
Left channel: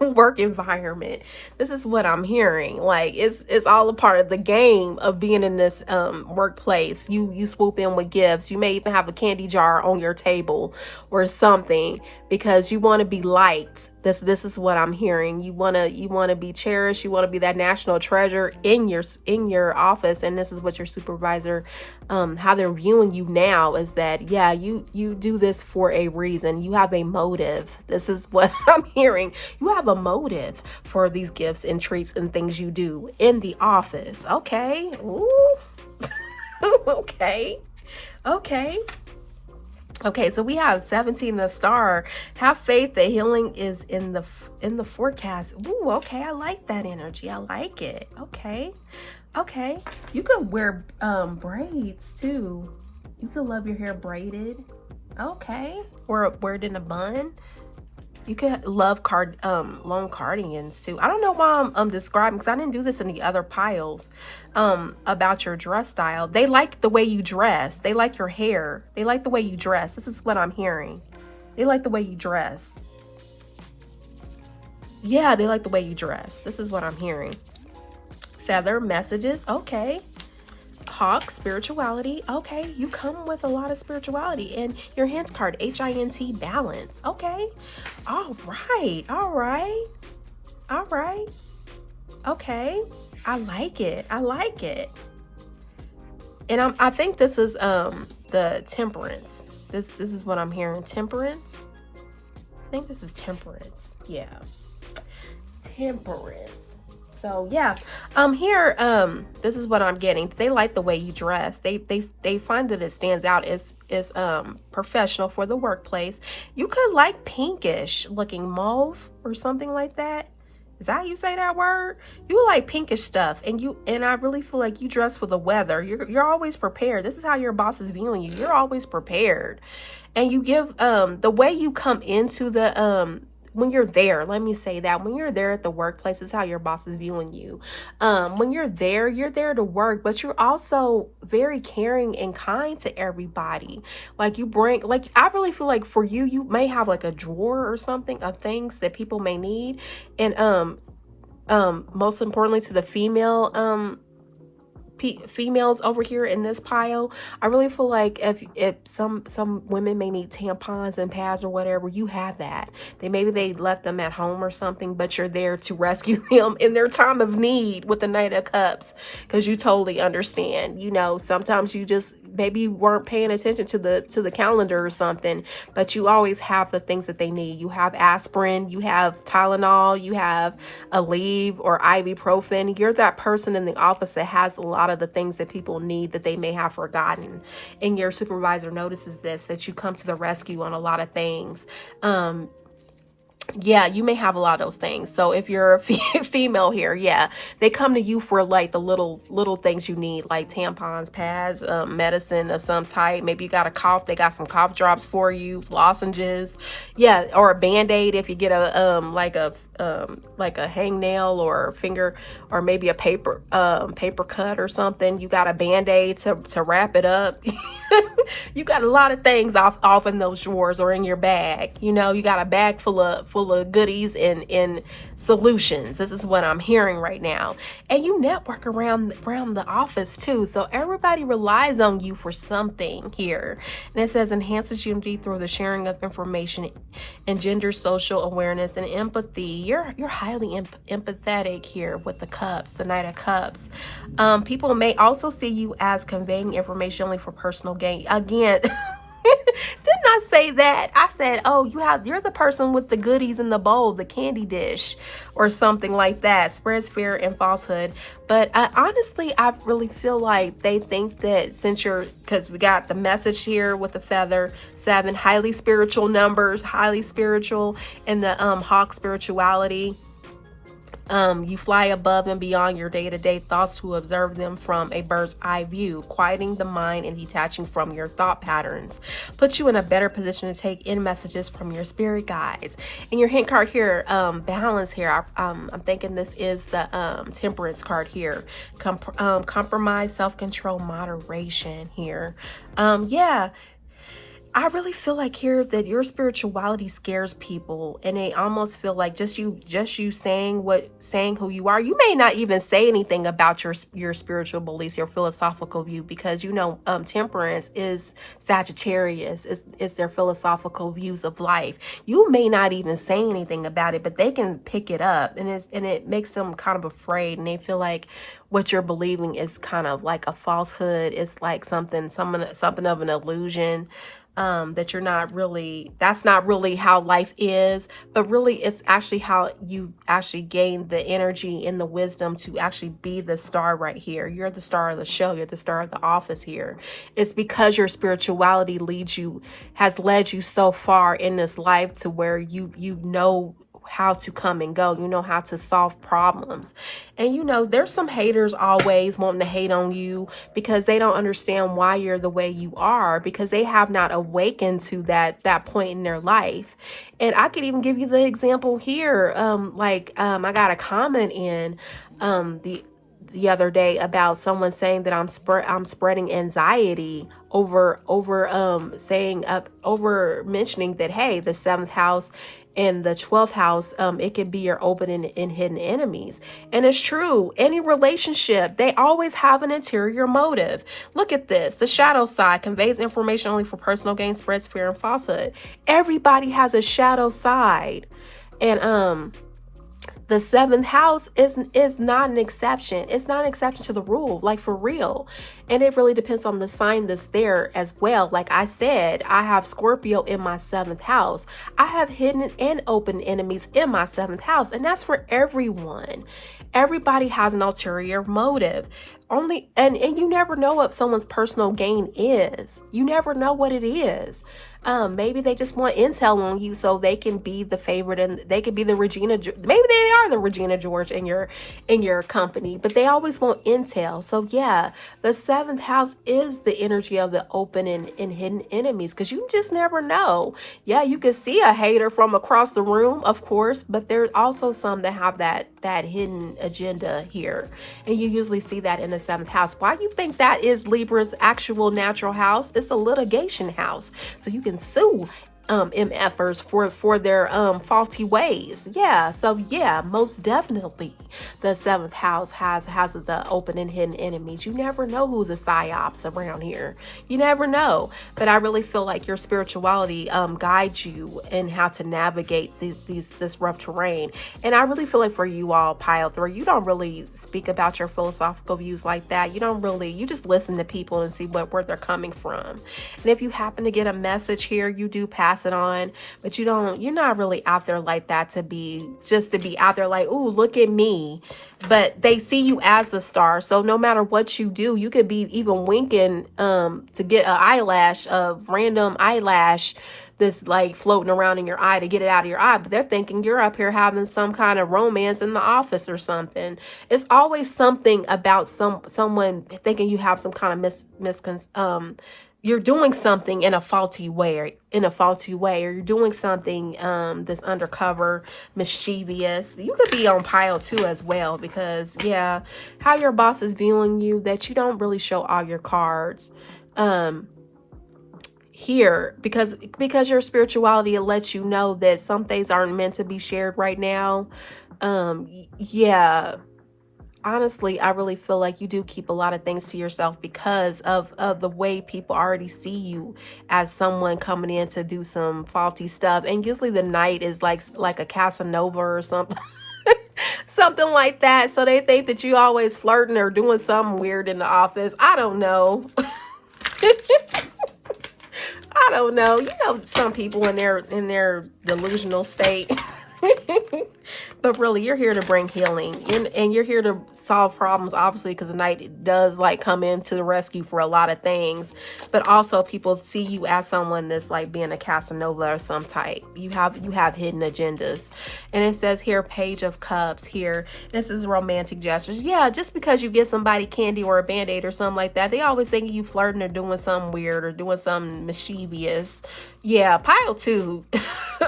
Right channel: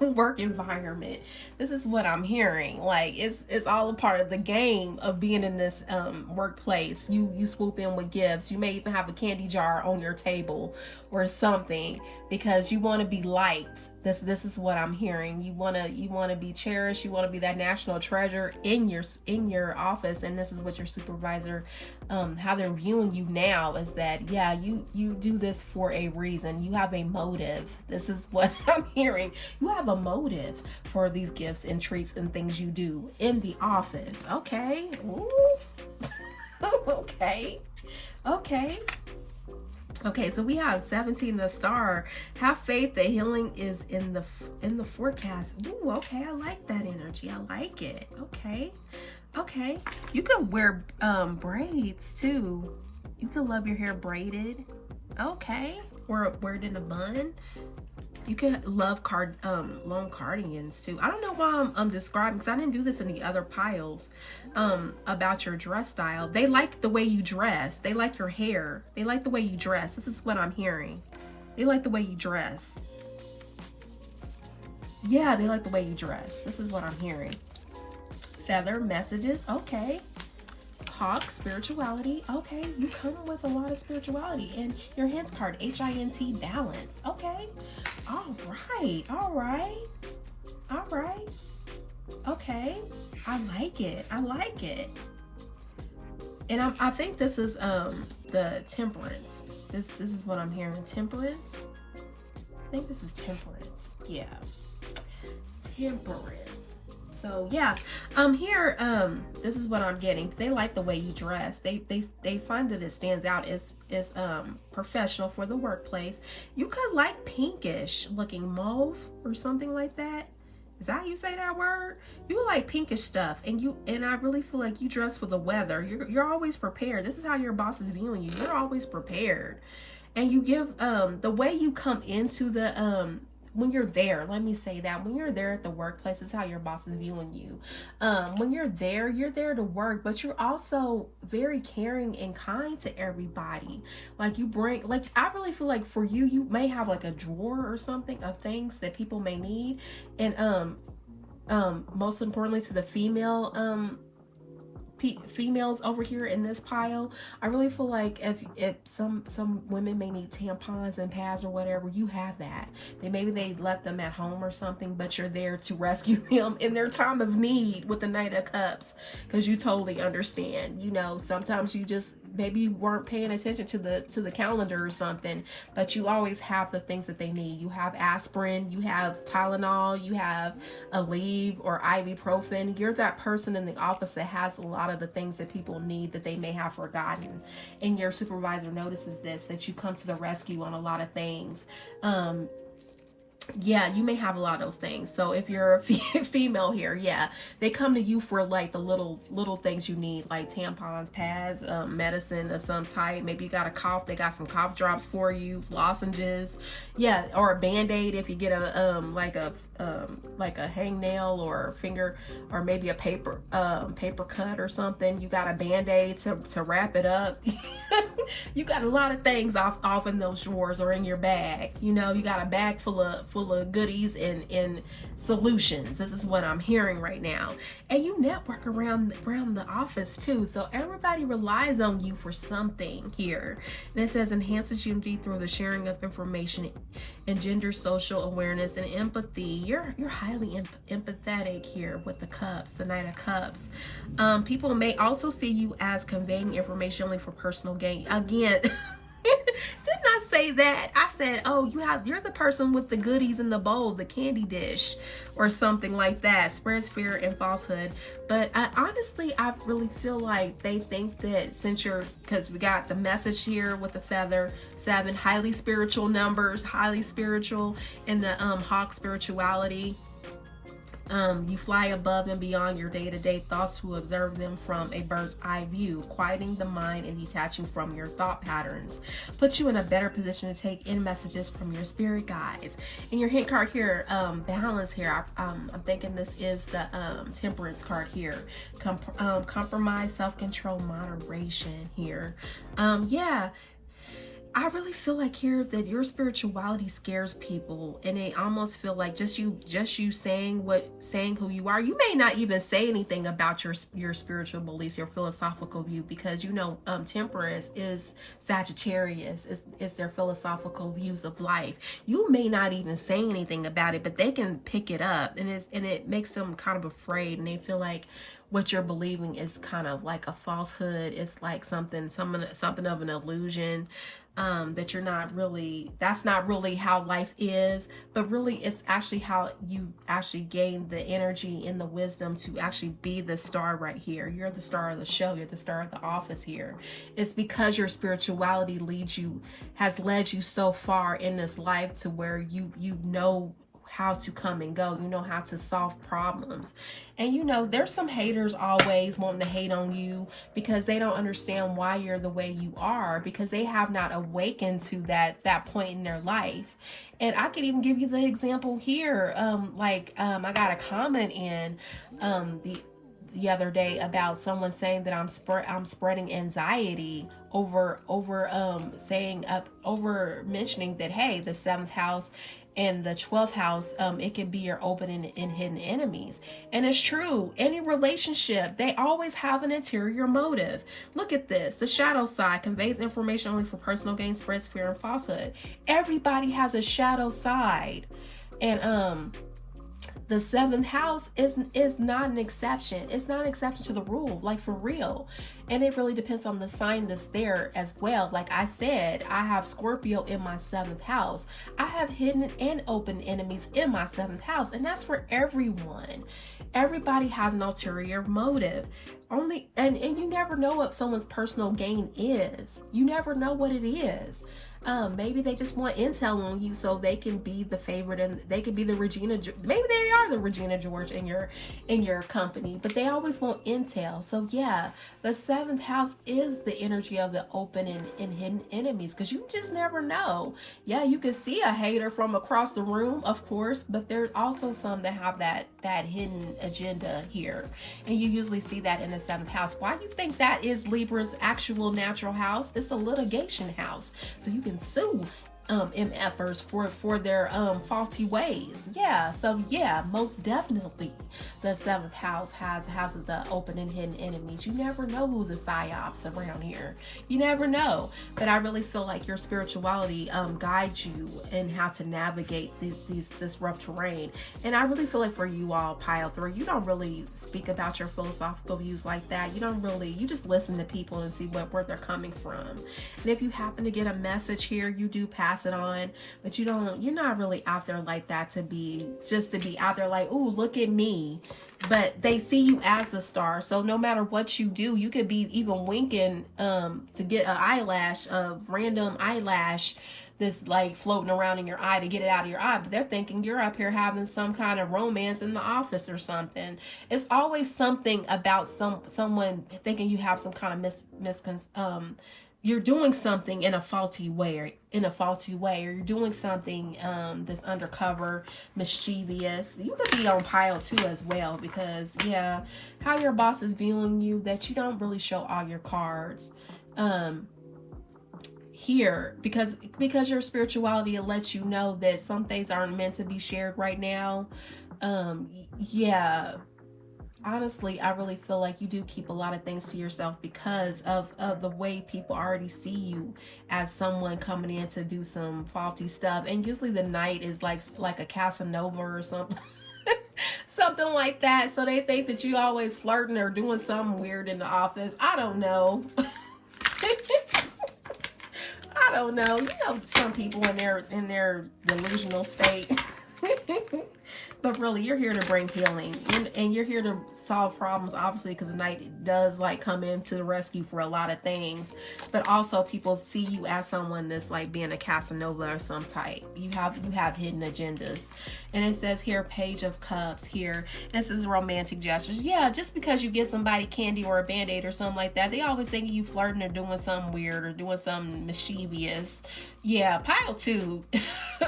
work environment. This is what I'm hearing. Like, it's all a part of the game of being in this workplace. You swoop in with gifts. You may even have a candy jar on your table or something, because you want to be liked. This is what I'm hearing. You wanna be cherished. You wanna be that national treasure in your office, and this is what your supervisor, how they're viewing you now is that, yeah, you do this for a reason. You have a motive. This is what I'm hearing. You have a motive for these gifts and treats and things you do in the office. Okay. Ooh. Okay. Okay. Okay, so we have 17, the star. Have faith that healing is in the forecast. Ooh, okay, I like that energy. I like it. Okay. Okay. You could wear braids too. You could love your hair braided. Okay. Or wear it in a bun. You could love long cardigans too. I don't know why I'm describing, because I didn't do this in the other piles about your dress style. They like the way you dress. They like your hair. They like the way you dress. This is what I'm hearing. They like the way you dress. Yeah, they like the way you dress. This is what I'm hearing. Feather messages. Okay. Hawk, spirituality. Okay, you come with a lot of spirituality. And your hint card, HINT, balance. Okay. All right. All right. All right. Okay. I like it. I like it. And I think this is the temperance. This is what I'm hearing. Temperance. I think this is temperance. Yeah. Temperance. So yeah, here, this is what I'm getting. They like the way you dress. They find that it stands out as professional for the workplace. You could like pinkish looking mauve or something like that. Is that how you say that word? You like pinkish stuff, and I really feel like you dress for the weather. You're always prepared. This is how your boss is viewing you. You're always prepared, and you give the way you come into the when you're there, let me say that when you're there at the workplace, is how your boss is viewing you. When you're there to work, but you're also very caring and kind to everybody. Like you bring, like, I really feel like for you, you may have like a drawer or something of things that people may need. And most importantly to the females over here in this pile, I really feel like if some women may need tampons and pads or whatever, you have that. Maybe they left them at home or something, but you're there to rescue them in their time of need with the Knight of Cups, because you totally understand. You know, sometimes you just maybe you weren't paying attention to the calendar or something, but you always have the things that they need. You have aspirin, you have Tylenol, you have Aleve or ibuprofen. You're that person in the office that has a lot of the things that people need that they may have forgotten, and your supervisor notices this, that you come to the rescue on a lot of things. Yeah, you may have a lot of those things. So if you're a female here, yeah, they come to you for like the little things you need, like tampons, pads, medicine of some type. Maybe you got a cough, they got some cough drops for you, lozenges, yeah, or a band-aid if you get a like a hangnail or a finger, or maybe a paper cut or something. You got a band-aid to wrap it up. You got a lot of things off in those drawers or in your bag. You know, you got a bag full of goodies and solutions. This is what I'm hearing right now. And you network around the office too. So everybody relies on you for something here. And it says enhances unity through the sharing of information, engenders social awareness and empathy. You're highly empathetic here with the cups, the Knight of Cups. People may also see you as conveying information only for personal gain. Again, didn't I say that? I said, oh, you're the person with the goodies in the bowl, the candy dish or something like that. Spreads fear and falsehood. But honestly, I really feel like they think that because we got the message here with the feather, 7, highly spiritual numbers, highly spiritual, and the hawk spirituality. You fly above and beyond your day-to-day thoughts to observe them from a bird's eye view, quieting the mind and detaching from your thought patterns. Puts you in a better position to take in messages from your spirit guides. And your hint card here, balance here, I'm thinking this is the temperance card here. Compromise, self-control, moderation here. Yeah. I really feel like here that your spirituality scares people, and they almost feel like just you saying who you are. You may not even say anything about your spiritual beliefs, your philosophical view, because temperance is Sagittarius, is their philosophical views of life. You may not even say anything about it, but they can pick it up, and it makes them kind of afraid, and they feel like what you're believing is kind of like a falsehood. It's like something of an illusion, that you're not really, that's not really how life is, but really it's actually how you actually gain the energy and the wisdom to actually be the star right here. You're the star of the show. You're the star of the office here. It's because your spirituality has led you so far in this life to where you know how to come and go, you know how to solve problems. And there's some haters always wanting to hate on you because they don't understand why you're the way you are, because they have not awakened to that point in their life. And I could even give you the example here. I got a comment in the other day about someone saying that I'm spreading anxiety over mentioning that, hey, the 7th house in the 12th house, it can be your open and hidden enemies. And it's true. Any relationship, they always have an interior motive. Look at this. The shadow side conveys information only for personal gain, spreads fear and falsehood. Everybody has a shadow side. And the 7th house is not an exception. It's not an exception to the rule, like for real. And it really depends on the sign that's there as well. Like I said, I have Scorpio in my 7th house. I have hidden and open enemies in my 7th house. And that's for everyone. Everybody has an ulterior motive. And you never know what someone's personal gain is. You never know what it is. Maybe they just want intel on you so they can be the favorite, and they could be the Regina. Maybe they are the Regina George in your company, but they always want intel. So yeah, the 7th house is the energy of the open and hidden enemies, because you just never know. Yeah, you can see a hater from across the room, of course, but there's also some that have that hidden agenda here, and you usually see that in the 7th house. Why you think that is Libra's actual natural house? It's a litigation house, so you can sue MFers for their faulty ways. Yeah, so yeah, most definitely the 7th house has the open and hidden enemies. You never know who's a psyops around here. You never know. But I really feel like your spirituality guides you in how to navigate this rough terrain. And I really feel like for you all, Pile 3, you don't really speak about your philosophical views like that. You just listen to people and see where they're coming from. And if you happen to get a message here, you do pass it on, but you're not really out there like that to be out there like, ooh, look at me. But they see you as the star, so no matter what you do, you could be even winking to get a random eyelash that's like floating around in your eye to get it out of your eye, but they're thinking you're up here having some kind of romance in the office or something. It's always something about someone thinking you have some kind of you're doing something in a faulty way, or you're doing something that's undercover, mischievous. You could be on Pile 2 as well, because yeah, how your boss is viewing you, that you don't really show all your cards here, because your spirituality lets you know that some things aren't meant to be shared right now. Yeah. Honestly, I really feel like you do keep a lot of things to yourself because of the way people already see you as someone coming in to do some faulty stuff. And usually the Knight is like a Casanova or something. Something like that. So they think that you always flirting or doing something weird in the office. I don't know. I don't know. Some people in their delusional state. But really, you're here to bring healing, and you're here to solve problems, obviously, because the Knight does like come into the rescue for a lot of things. But also, people see you as someone that's like being a Casanova or some type. You have hidden agendas. And it says here, Page of Cups here. This is romantic gestures. Yeah, just because you give somebody candy or a Band-Aid or something like that, they always think you flirting or doing something weird or doing something mischievous. Yeah, pile two.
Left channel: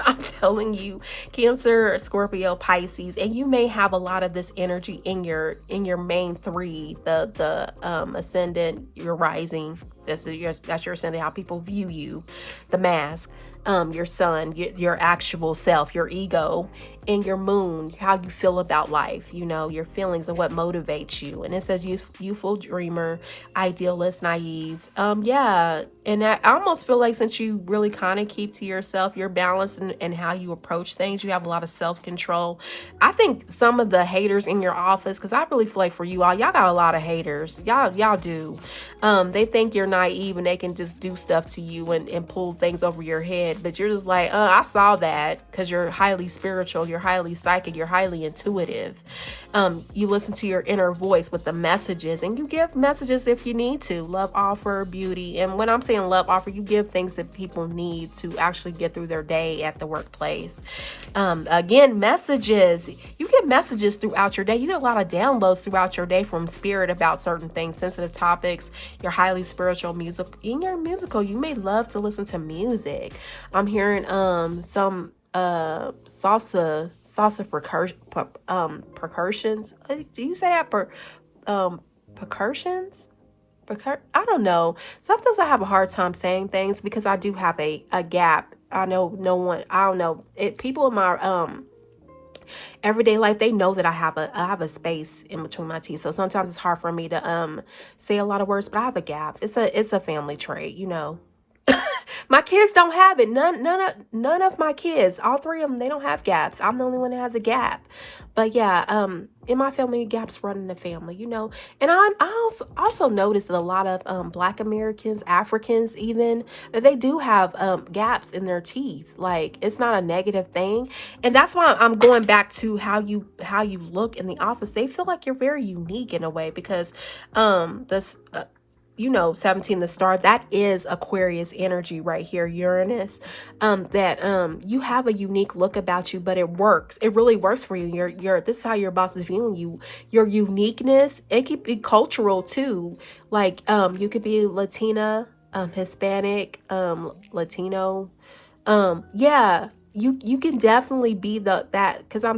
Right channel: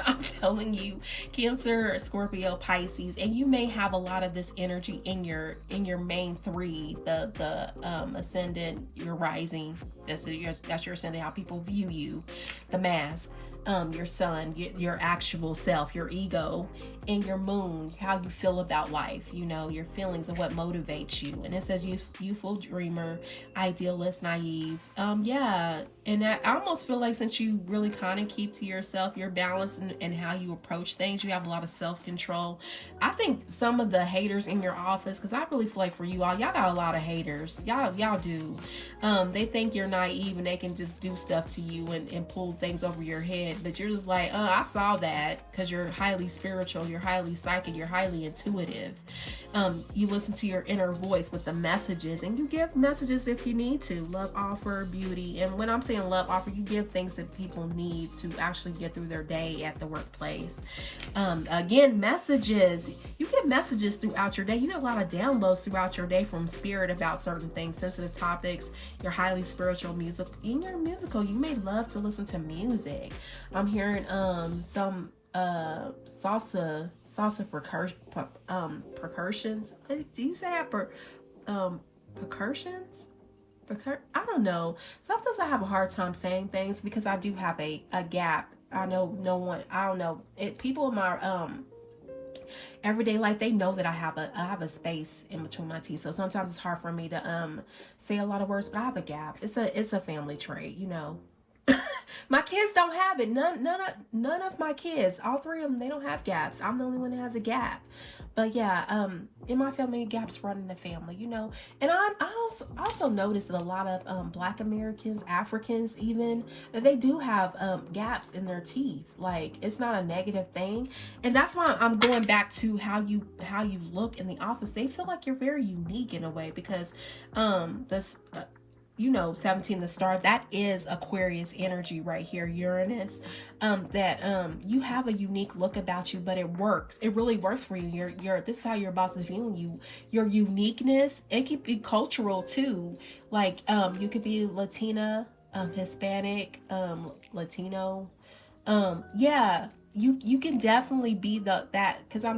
I'm telling you, Cancer, Scorpio, Pisces, and you may have a lot of this energy in your main three, the ascendant, your rising, that's your ascendant, how people view you, the mask, your sun, your actual self, your ego, and your moon, how you feel about life, you know, your feelings and what motivates you. And it says youthful dreamer, idealist, naive. Yeah. And I almost feel like since you really kind of keep to yourself, you're balanced in how you approach things. You have a lot of self-control. I think some of the haters in your office, because I really feel like for you all, y'all got a lot of haters. Y'all do. They think you're naive and they can just do stuff to you and pull things over your head. But you're just like, I saw that, because you're highly spiritual, you're highly psychic, you're highly intuitive. You listen to your inner voice with the messages, and you give messages if you need to. Love offer, beauty. And when I'm saying love offer, you give things that people need to actually get through their day at the workplace. Again, messages. You get messages throughout your day. You get a lot of downloads throughout your day from spirit about certain things, sensitive topics. You're highly spiritual, music. In your musical, you may love to listen to music. I'm hearing some salsa percussions. Do you say that? Percussions? I don't know. Sometimes I have a hard time saying things because I do have a gap. I know no one, I don't know. People in my everyday life, they know that I have a space in between my teeth. So sometimes it's hard for me to say a lot of words, but I have a gap. It's a family trait, you know. My kids don't have it. None of my kids, all three of them, they don't have gaps. I'm the only one that has a gap. But yeah, in my family, gaps run in the family, you know. And I also noticed that a lot of Black Americans, Africans even, that they do have gaps in their teeth. Like, it's not a negative thing. And that's why I'm going back to how you look in the office. They feel like you're very unique in a way, because you know, 17, the star, that is Aquarius energy right here, Uranus, that you have a unique look about you, but it works. It really works for you. This is how your boss is viewing you. Your uniqueness, it could be cultural too. Like, you could be Latina, Hispanic, Latino. Yeah, you can definitely be that, because I'm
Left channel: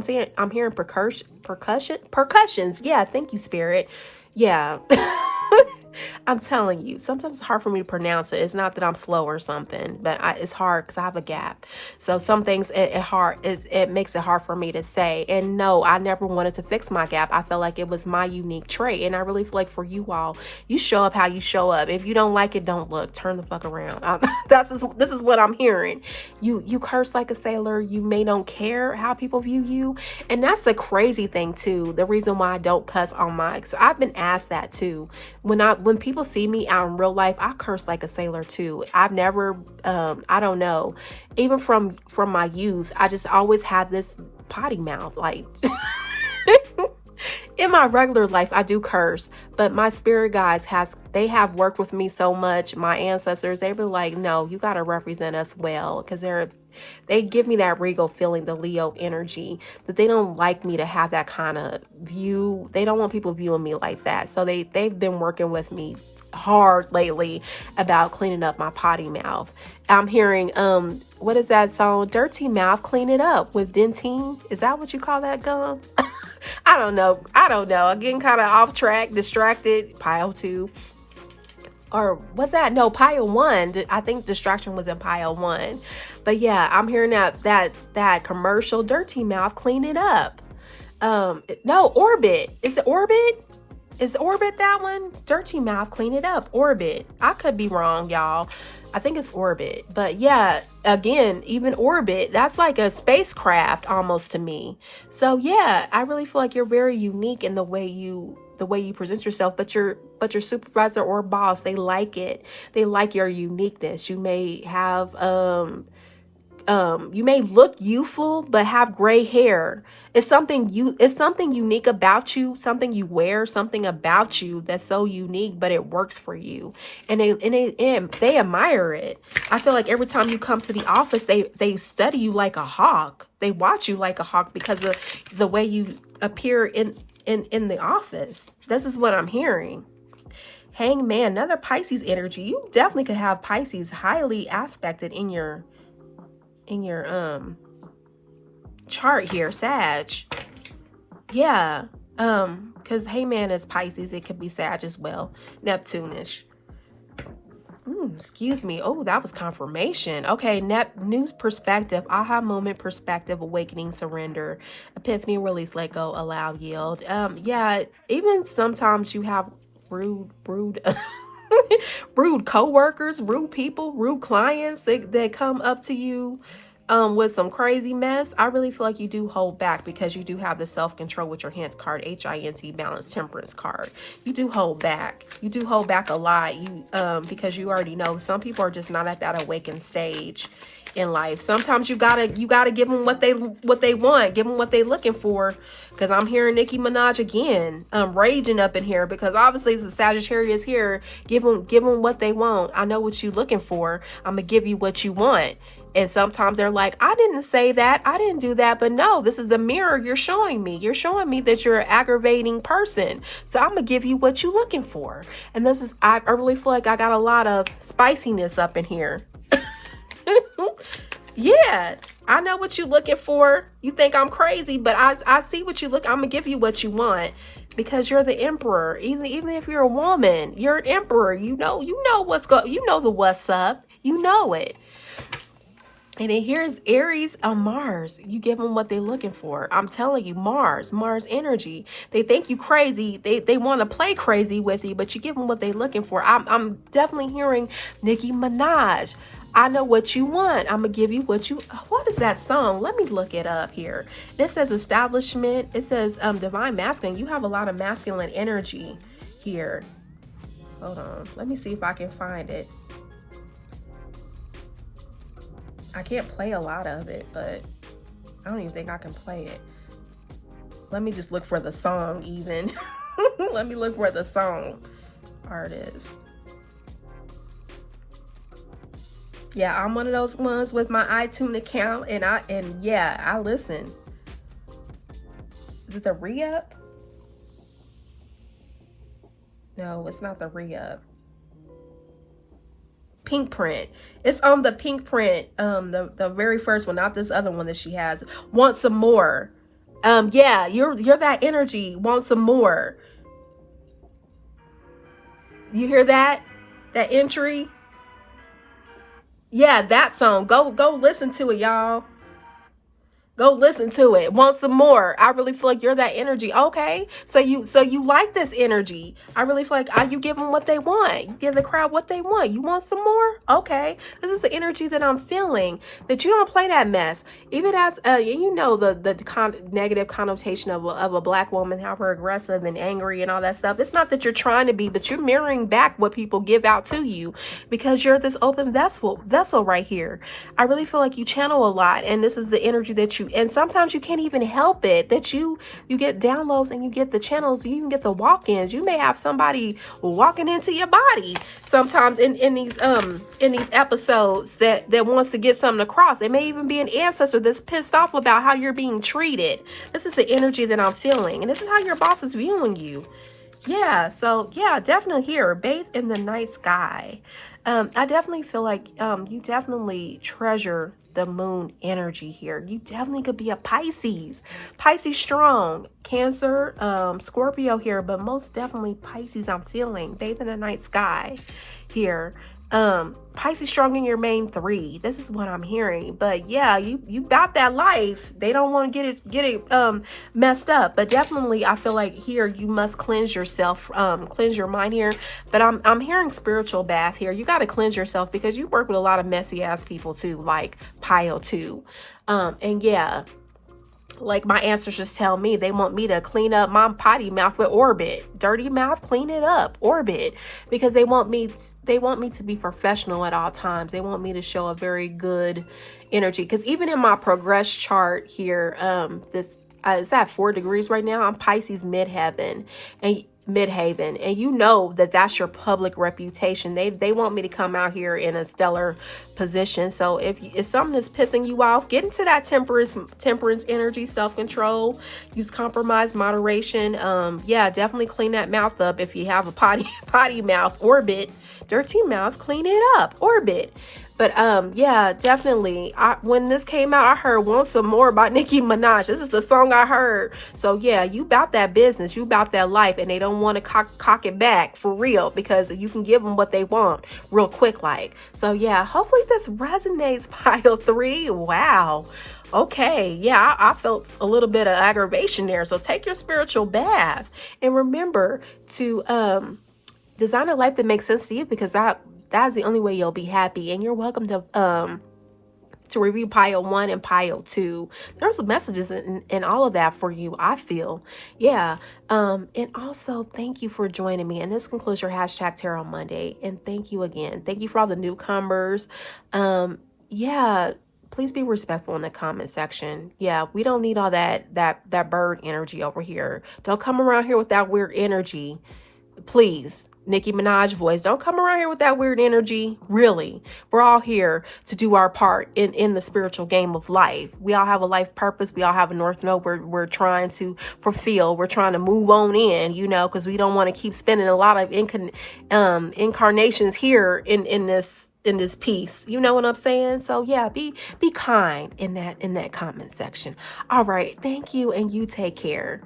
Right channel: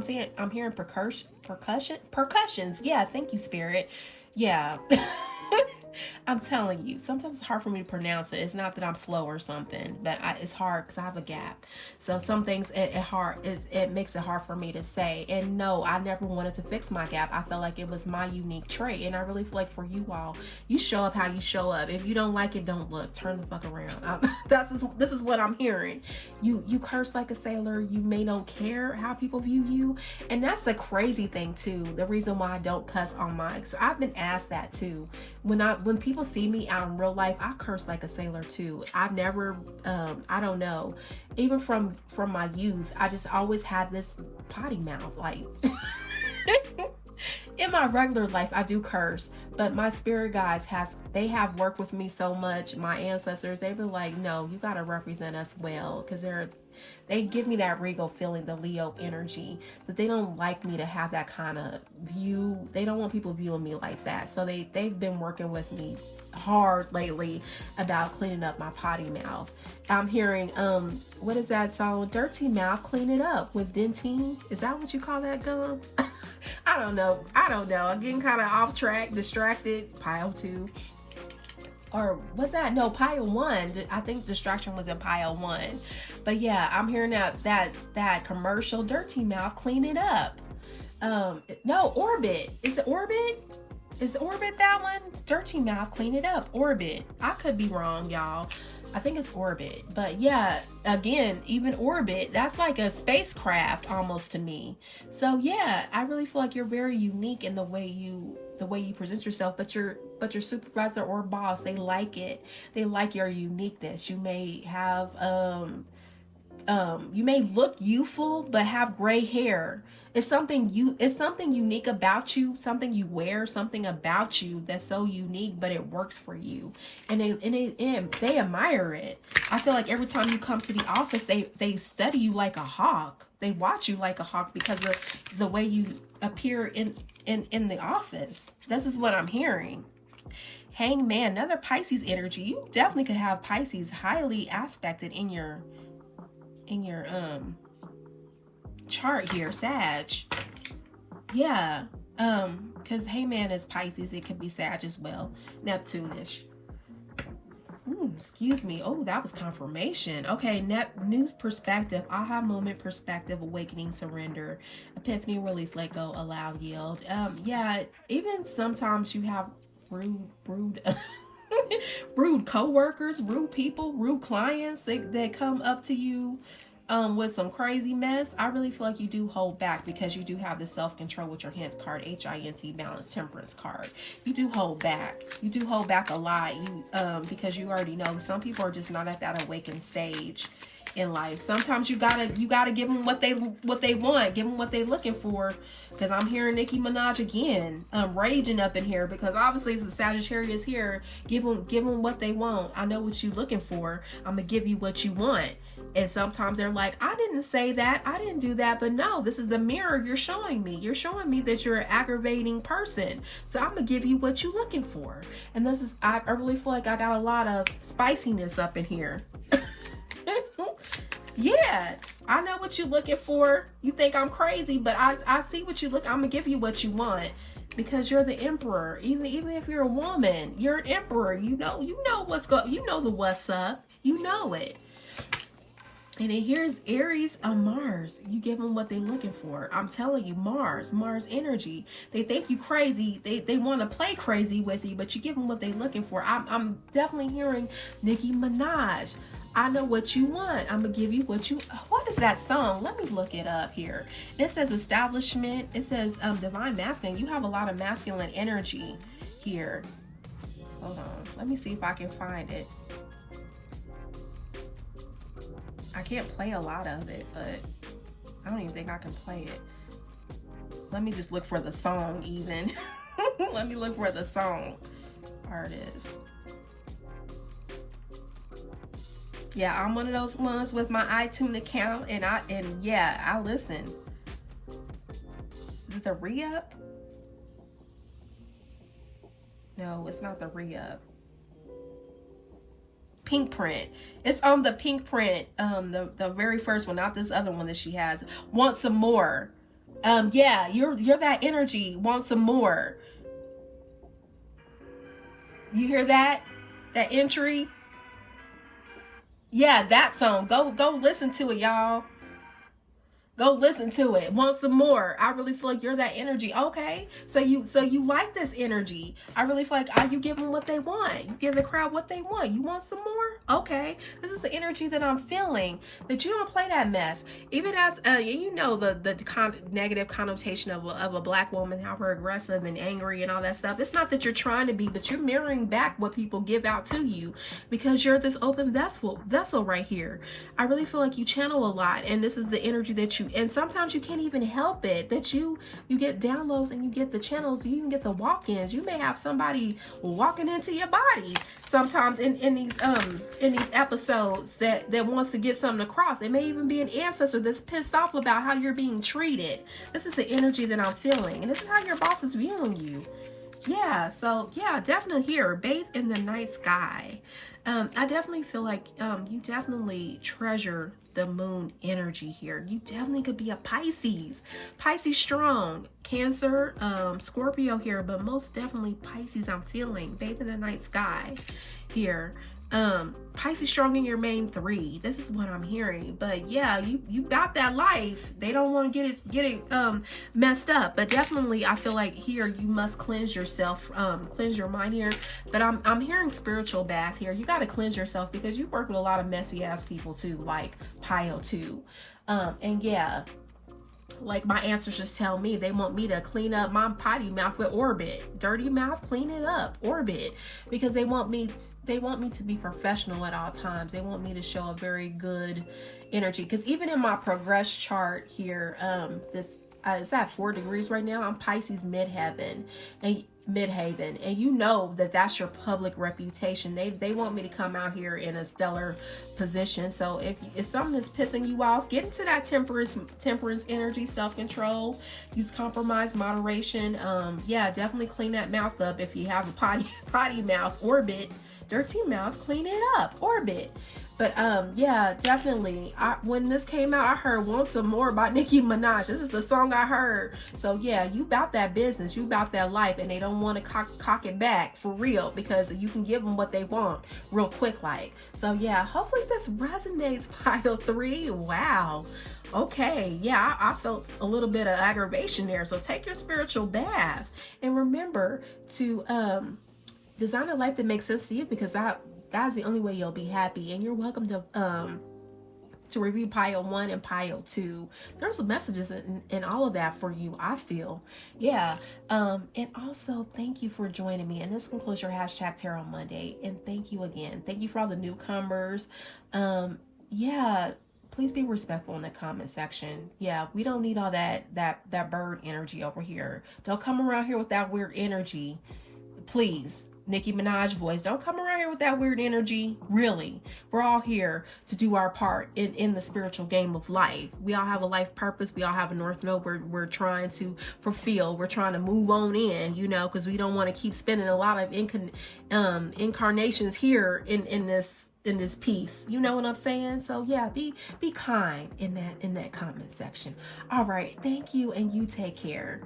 hearing percussions. Yeah, thank you, Spirit. Yeah. I'm telling you, sometimes it's hard for me to pronounce it. It's not that I'm slow or something, but it's hard because I have a gap. So some things it makes it hard for me to say. And no, I never wanted to fix my gap. I felt like it was my unique trait. And I really feel like for you all, you show up how you show up. If you don't like it, don't look. Turn the fuck around. This is what I'm hearing. You curse like a sailor. You may don't care how people view you. And that's the crazy thing too. The reason why I don't cuss on mic. So I've been asked that too. When people see me out in real life, I curse like a sailor too. I've never, I don't know, even from my youth, I just always had this potty mouth. Like, in my regular life, I do curse, but my spirit guides they have worked with me so much. My ancestors, they were like, no, you got to represent us well, because they give me that regal feeling, the Leo energy, but they don't like me to have that kind of view. They don't want people viewing me like that. So they've been working with me hard lately about cleaning up my potty mouth. I'm hearing, what is that song? Dirty Mouth, Clean It Up with Dentine. Is that what you call that gum? I don't know. I'm getting kind of off track, distracted. Pile 2. Or was that? No, pile 1. I think distraction was in pile 1. But yeah, I'm hearing that commercial, Dirty Mouth, Clean It Up. No, Orbit. Is it Orbit? Is Orbit that one? Dirty Mouth, Clean It Up. Orbit. I could be wrong, y'all. I think it's Orbit. But yeah, again, even Orbit, that's like a spacecraft almost to me. So yeah, I really feel like you're very unique in the way you present yourself, but your supervisor or boss, they like it. They like your uniqueness. You may have you may look youthful but have gray hair. It's something unique about you, something you wear, something about you that's so unique, but it works for you, and they admire it. I feel like every time you come to the office, they study you like a hawk. They watch you like a hawk because of the way you appear in the office. This is what I'm hearing. Hangman, another Pisces energy. You definitely could have Pisces highly aspected in your chart here, Sag. Yeah. Because Hangman is Pisces, it could be Sag as well. Neptune-ish. Excuse me. Oh, that was confirmation. Okay, new perspective, aha moment, perspective, awakening, surrender, epiphany, release, let go, allow, yield. Yeah, even sometimes you have rude rude co-workers, rude people, rude clients that come up to you with some crazy mess. I really feel like you do hold back because you do have the self-control with your Hint card, HINT, balance, temperance card. You do hold back. You do hold back a lot. Because you already know some people are just not at that awakened stage in life. Sometimes you gotta give them what they want, give them what they looking for. Because I'm hearing Nicki Minaj again, raging up in here, because obviously the Sagittarius here. Give them what they want. I know what you looking for. I'm gonna give you what you want. And sometimes they're like, I didn't say that. I didn't do that. But no, this is the mirror you're showing me. You're showing me that you're an aggravating person. So I'm going to give you what you're looking for. And this is, I really feel like I got a lot of spiciness up in here. Yeah, I know what you're looking for. You think I'm crazy, but I see what you look. I'm going to give you what you want. Because you're the emperor. Even if you're a woman, you're an emperor. You know the what's up. You know it. And then here's Aries on Mars. You give them what they're looking for. I'm telling you, Mars energy. They think you crazy. They want to play crazy with you, but you give them what they're looking for. I'm definitely hearing Nicki Minaj. I know what you want. I'm going to give you what you... What is that song? Let me look it up here. This says establishment. It says divine masculine. You have a lot of masculine energy here. Hold on. Let me see if I can find it. I can't play a lot of it, but I don't even think I can play it. Let me just look for the song even. Let me look for the song artist. Yeah, I'm one of those ones with my iTunes account, and yeah, I listen. Is it the re-up? No, it's not the re-up. Pink print. It's on the pink print, the very first one, not this other one that she has. Want some more. Yeah, you're that energy. Want some more. You hear that? That entry? Yeah, that song. Go listen to it, y'all. Go listen to it. Want some more. I really feel like you're that energy. Okay. So you like this energy. I really feel like you give them what they want. You give the crowd what they want. You want some more? Okay. This is the energy that I'm feeling. That you don't play that mess. Even as you know the negative connotation of a black woman, how we're aggressive and angry and all that stuff. It's not that you're trying to be, but you're mirroring back what people give out to you because you're this open vessel right here. I really feel like you channel a lot, and this is the energy that you. And sometimes you can't even help it that you get downloads and you get the channels, you even get the walk-ins. You may have somebody walking into your body sometimes in these episodes that wants to get something across. It may even be an ancestor that's pissed off about how you're being treated. This is the energy that I'm feeling, and this is how your boss is viewing you. Yeah, so yeah, definitely here, bathe in the night sky. I definitely feel like you definitely treasure the moon energy here. You definitely could be a Pisces strong, Cancer, Scorpio here, but most definitely Pisces. I'm feeling bathe in the night sky here. Pisces strong in your main 3. This is what I'm hearing. But yeah, you got that life. They don't want to get it messed up. But definitely I feel like here you must cleanse yourself, cleanse your mind here. But I'm hearing spiritual bath here. You got to cleanse yourself because you work with a lot of messy ass people too, like Pio too. And yeah, like my ancestors tell me, they want me to clean up my potty mouth with Orbit. Dirty mouth, clean it up, Orbit. Because they want me to be professional at all times. They want me to show a very good energy. Because even in my progress chart here, it's at 4 degrees right now. I'm Pisces midheaven. And Midhaven, and you know that that's your public reputation. They want me to come out here in a stellar position. So if something is pissing you off, get into that temperance energy, self-control, use compromise, moderation. Yeah, definitely clean that mouth up. If you have a potty mouth, orbit, dirty mouth, clean it up, orbit. But yeah, definitely. When this came out, I heard Want Some More by Nicki Minaj. This is the song I heard. So yeah, you about that business, you about that life, and they don't want to cock it back for real, because you can give them what they want real quick like. So yeah, hopefully this resonates, pile 3. Wow. Okay, yeah, I felt a little bit of aggravation there. So take your spiritual bath, and remember to design a life that makes sense to you, because that's the only way you'll be happy. And you're welcome to review pile 1 and pile 2. There's messages in all of that for you, I feel. Yeah. And also thank you for joining me. And this concludes your #Tarot Monday. And thank you again. Thank you for all the newcomers. Yeah, please be respectful in the comment section. Yeah, we don't need all that bird energy over here. Don't come around here with that weird energy. Please, Nicki Minaj voice, don't come around here with that weird energy. Really, we're all here to do our part in the spiritual game of life. We all have a life purpose. We all have a North Node we're trying to fulfill. We're trying to move on in, you know, because we don't want to keep spending a lot of incarnations here in this piece. You know what I'm saying? So yeah, be kind in that comment section. All right, thank you, and you take care.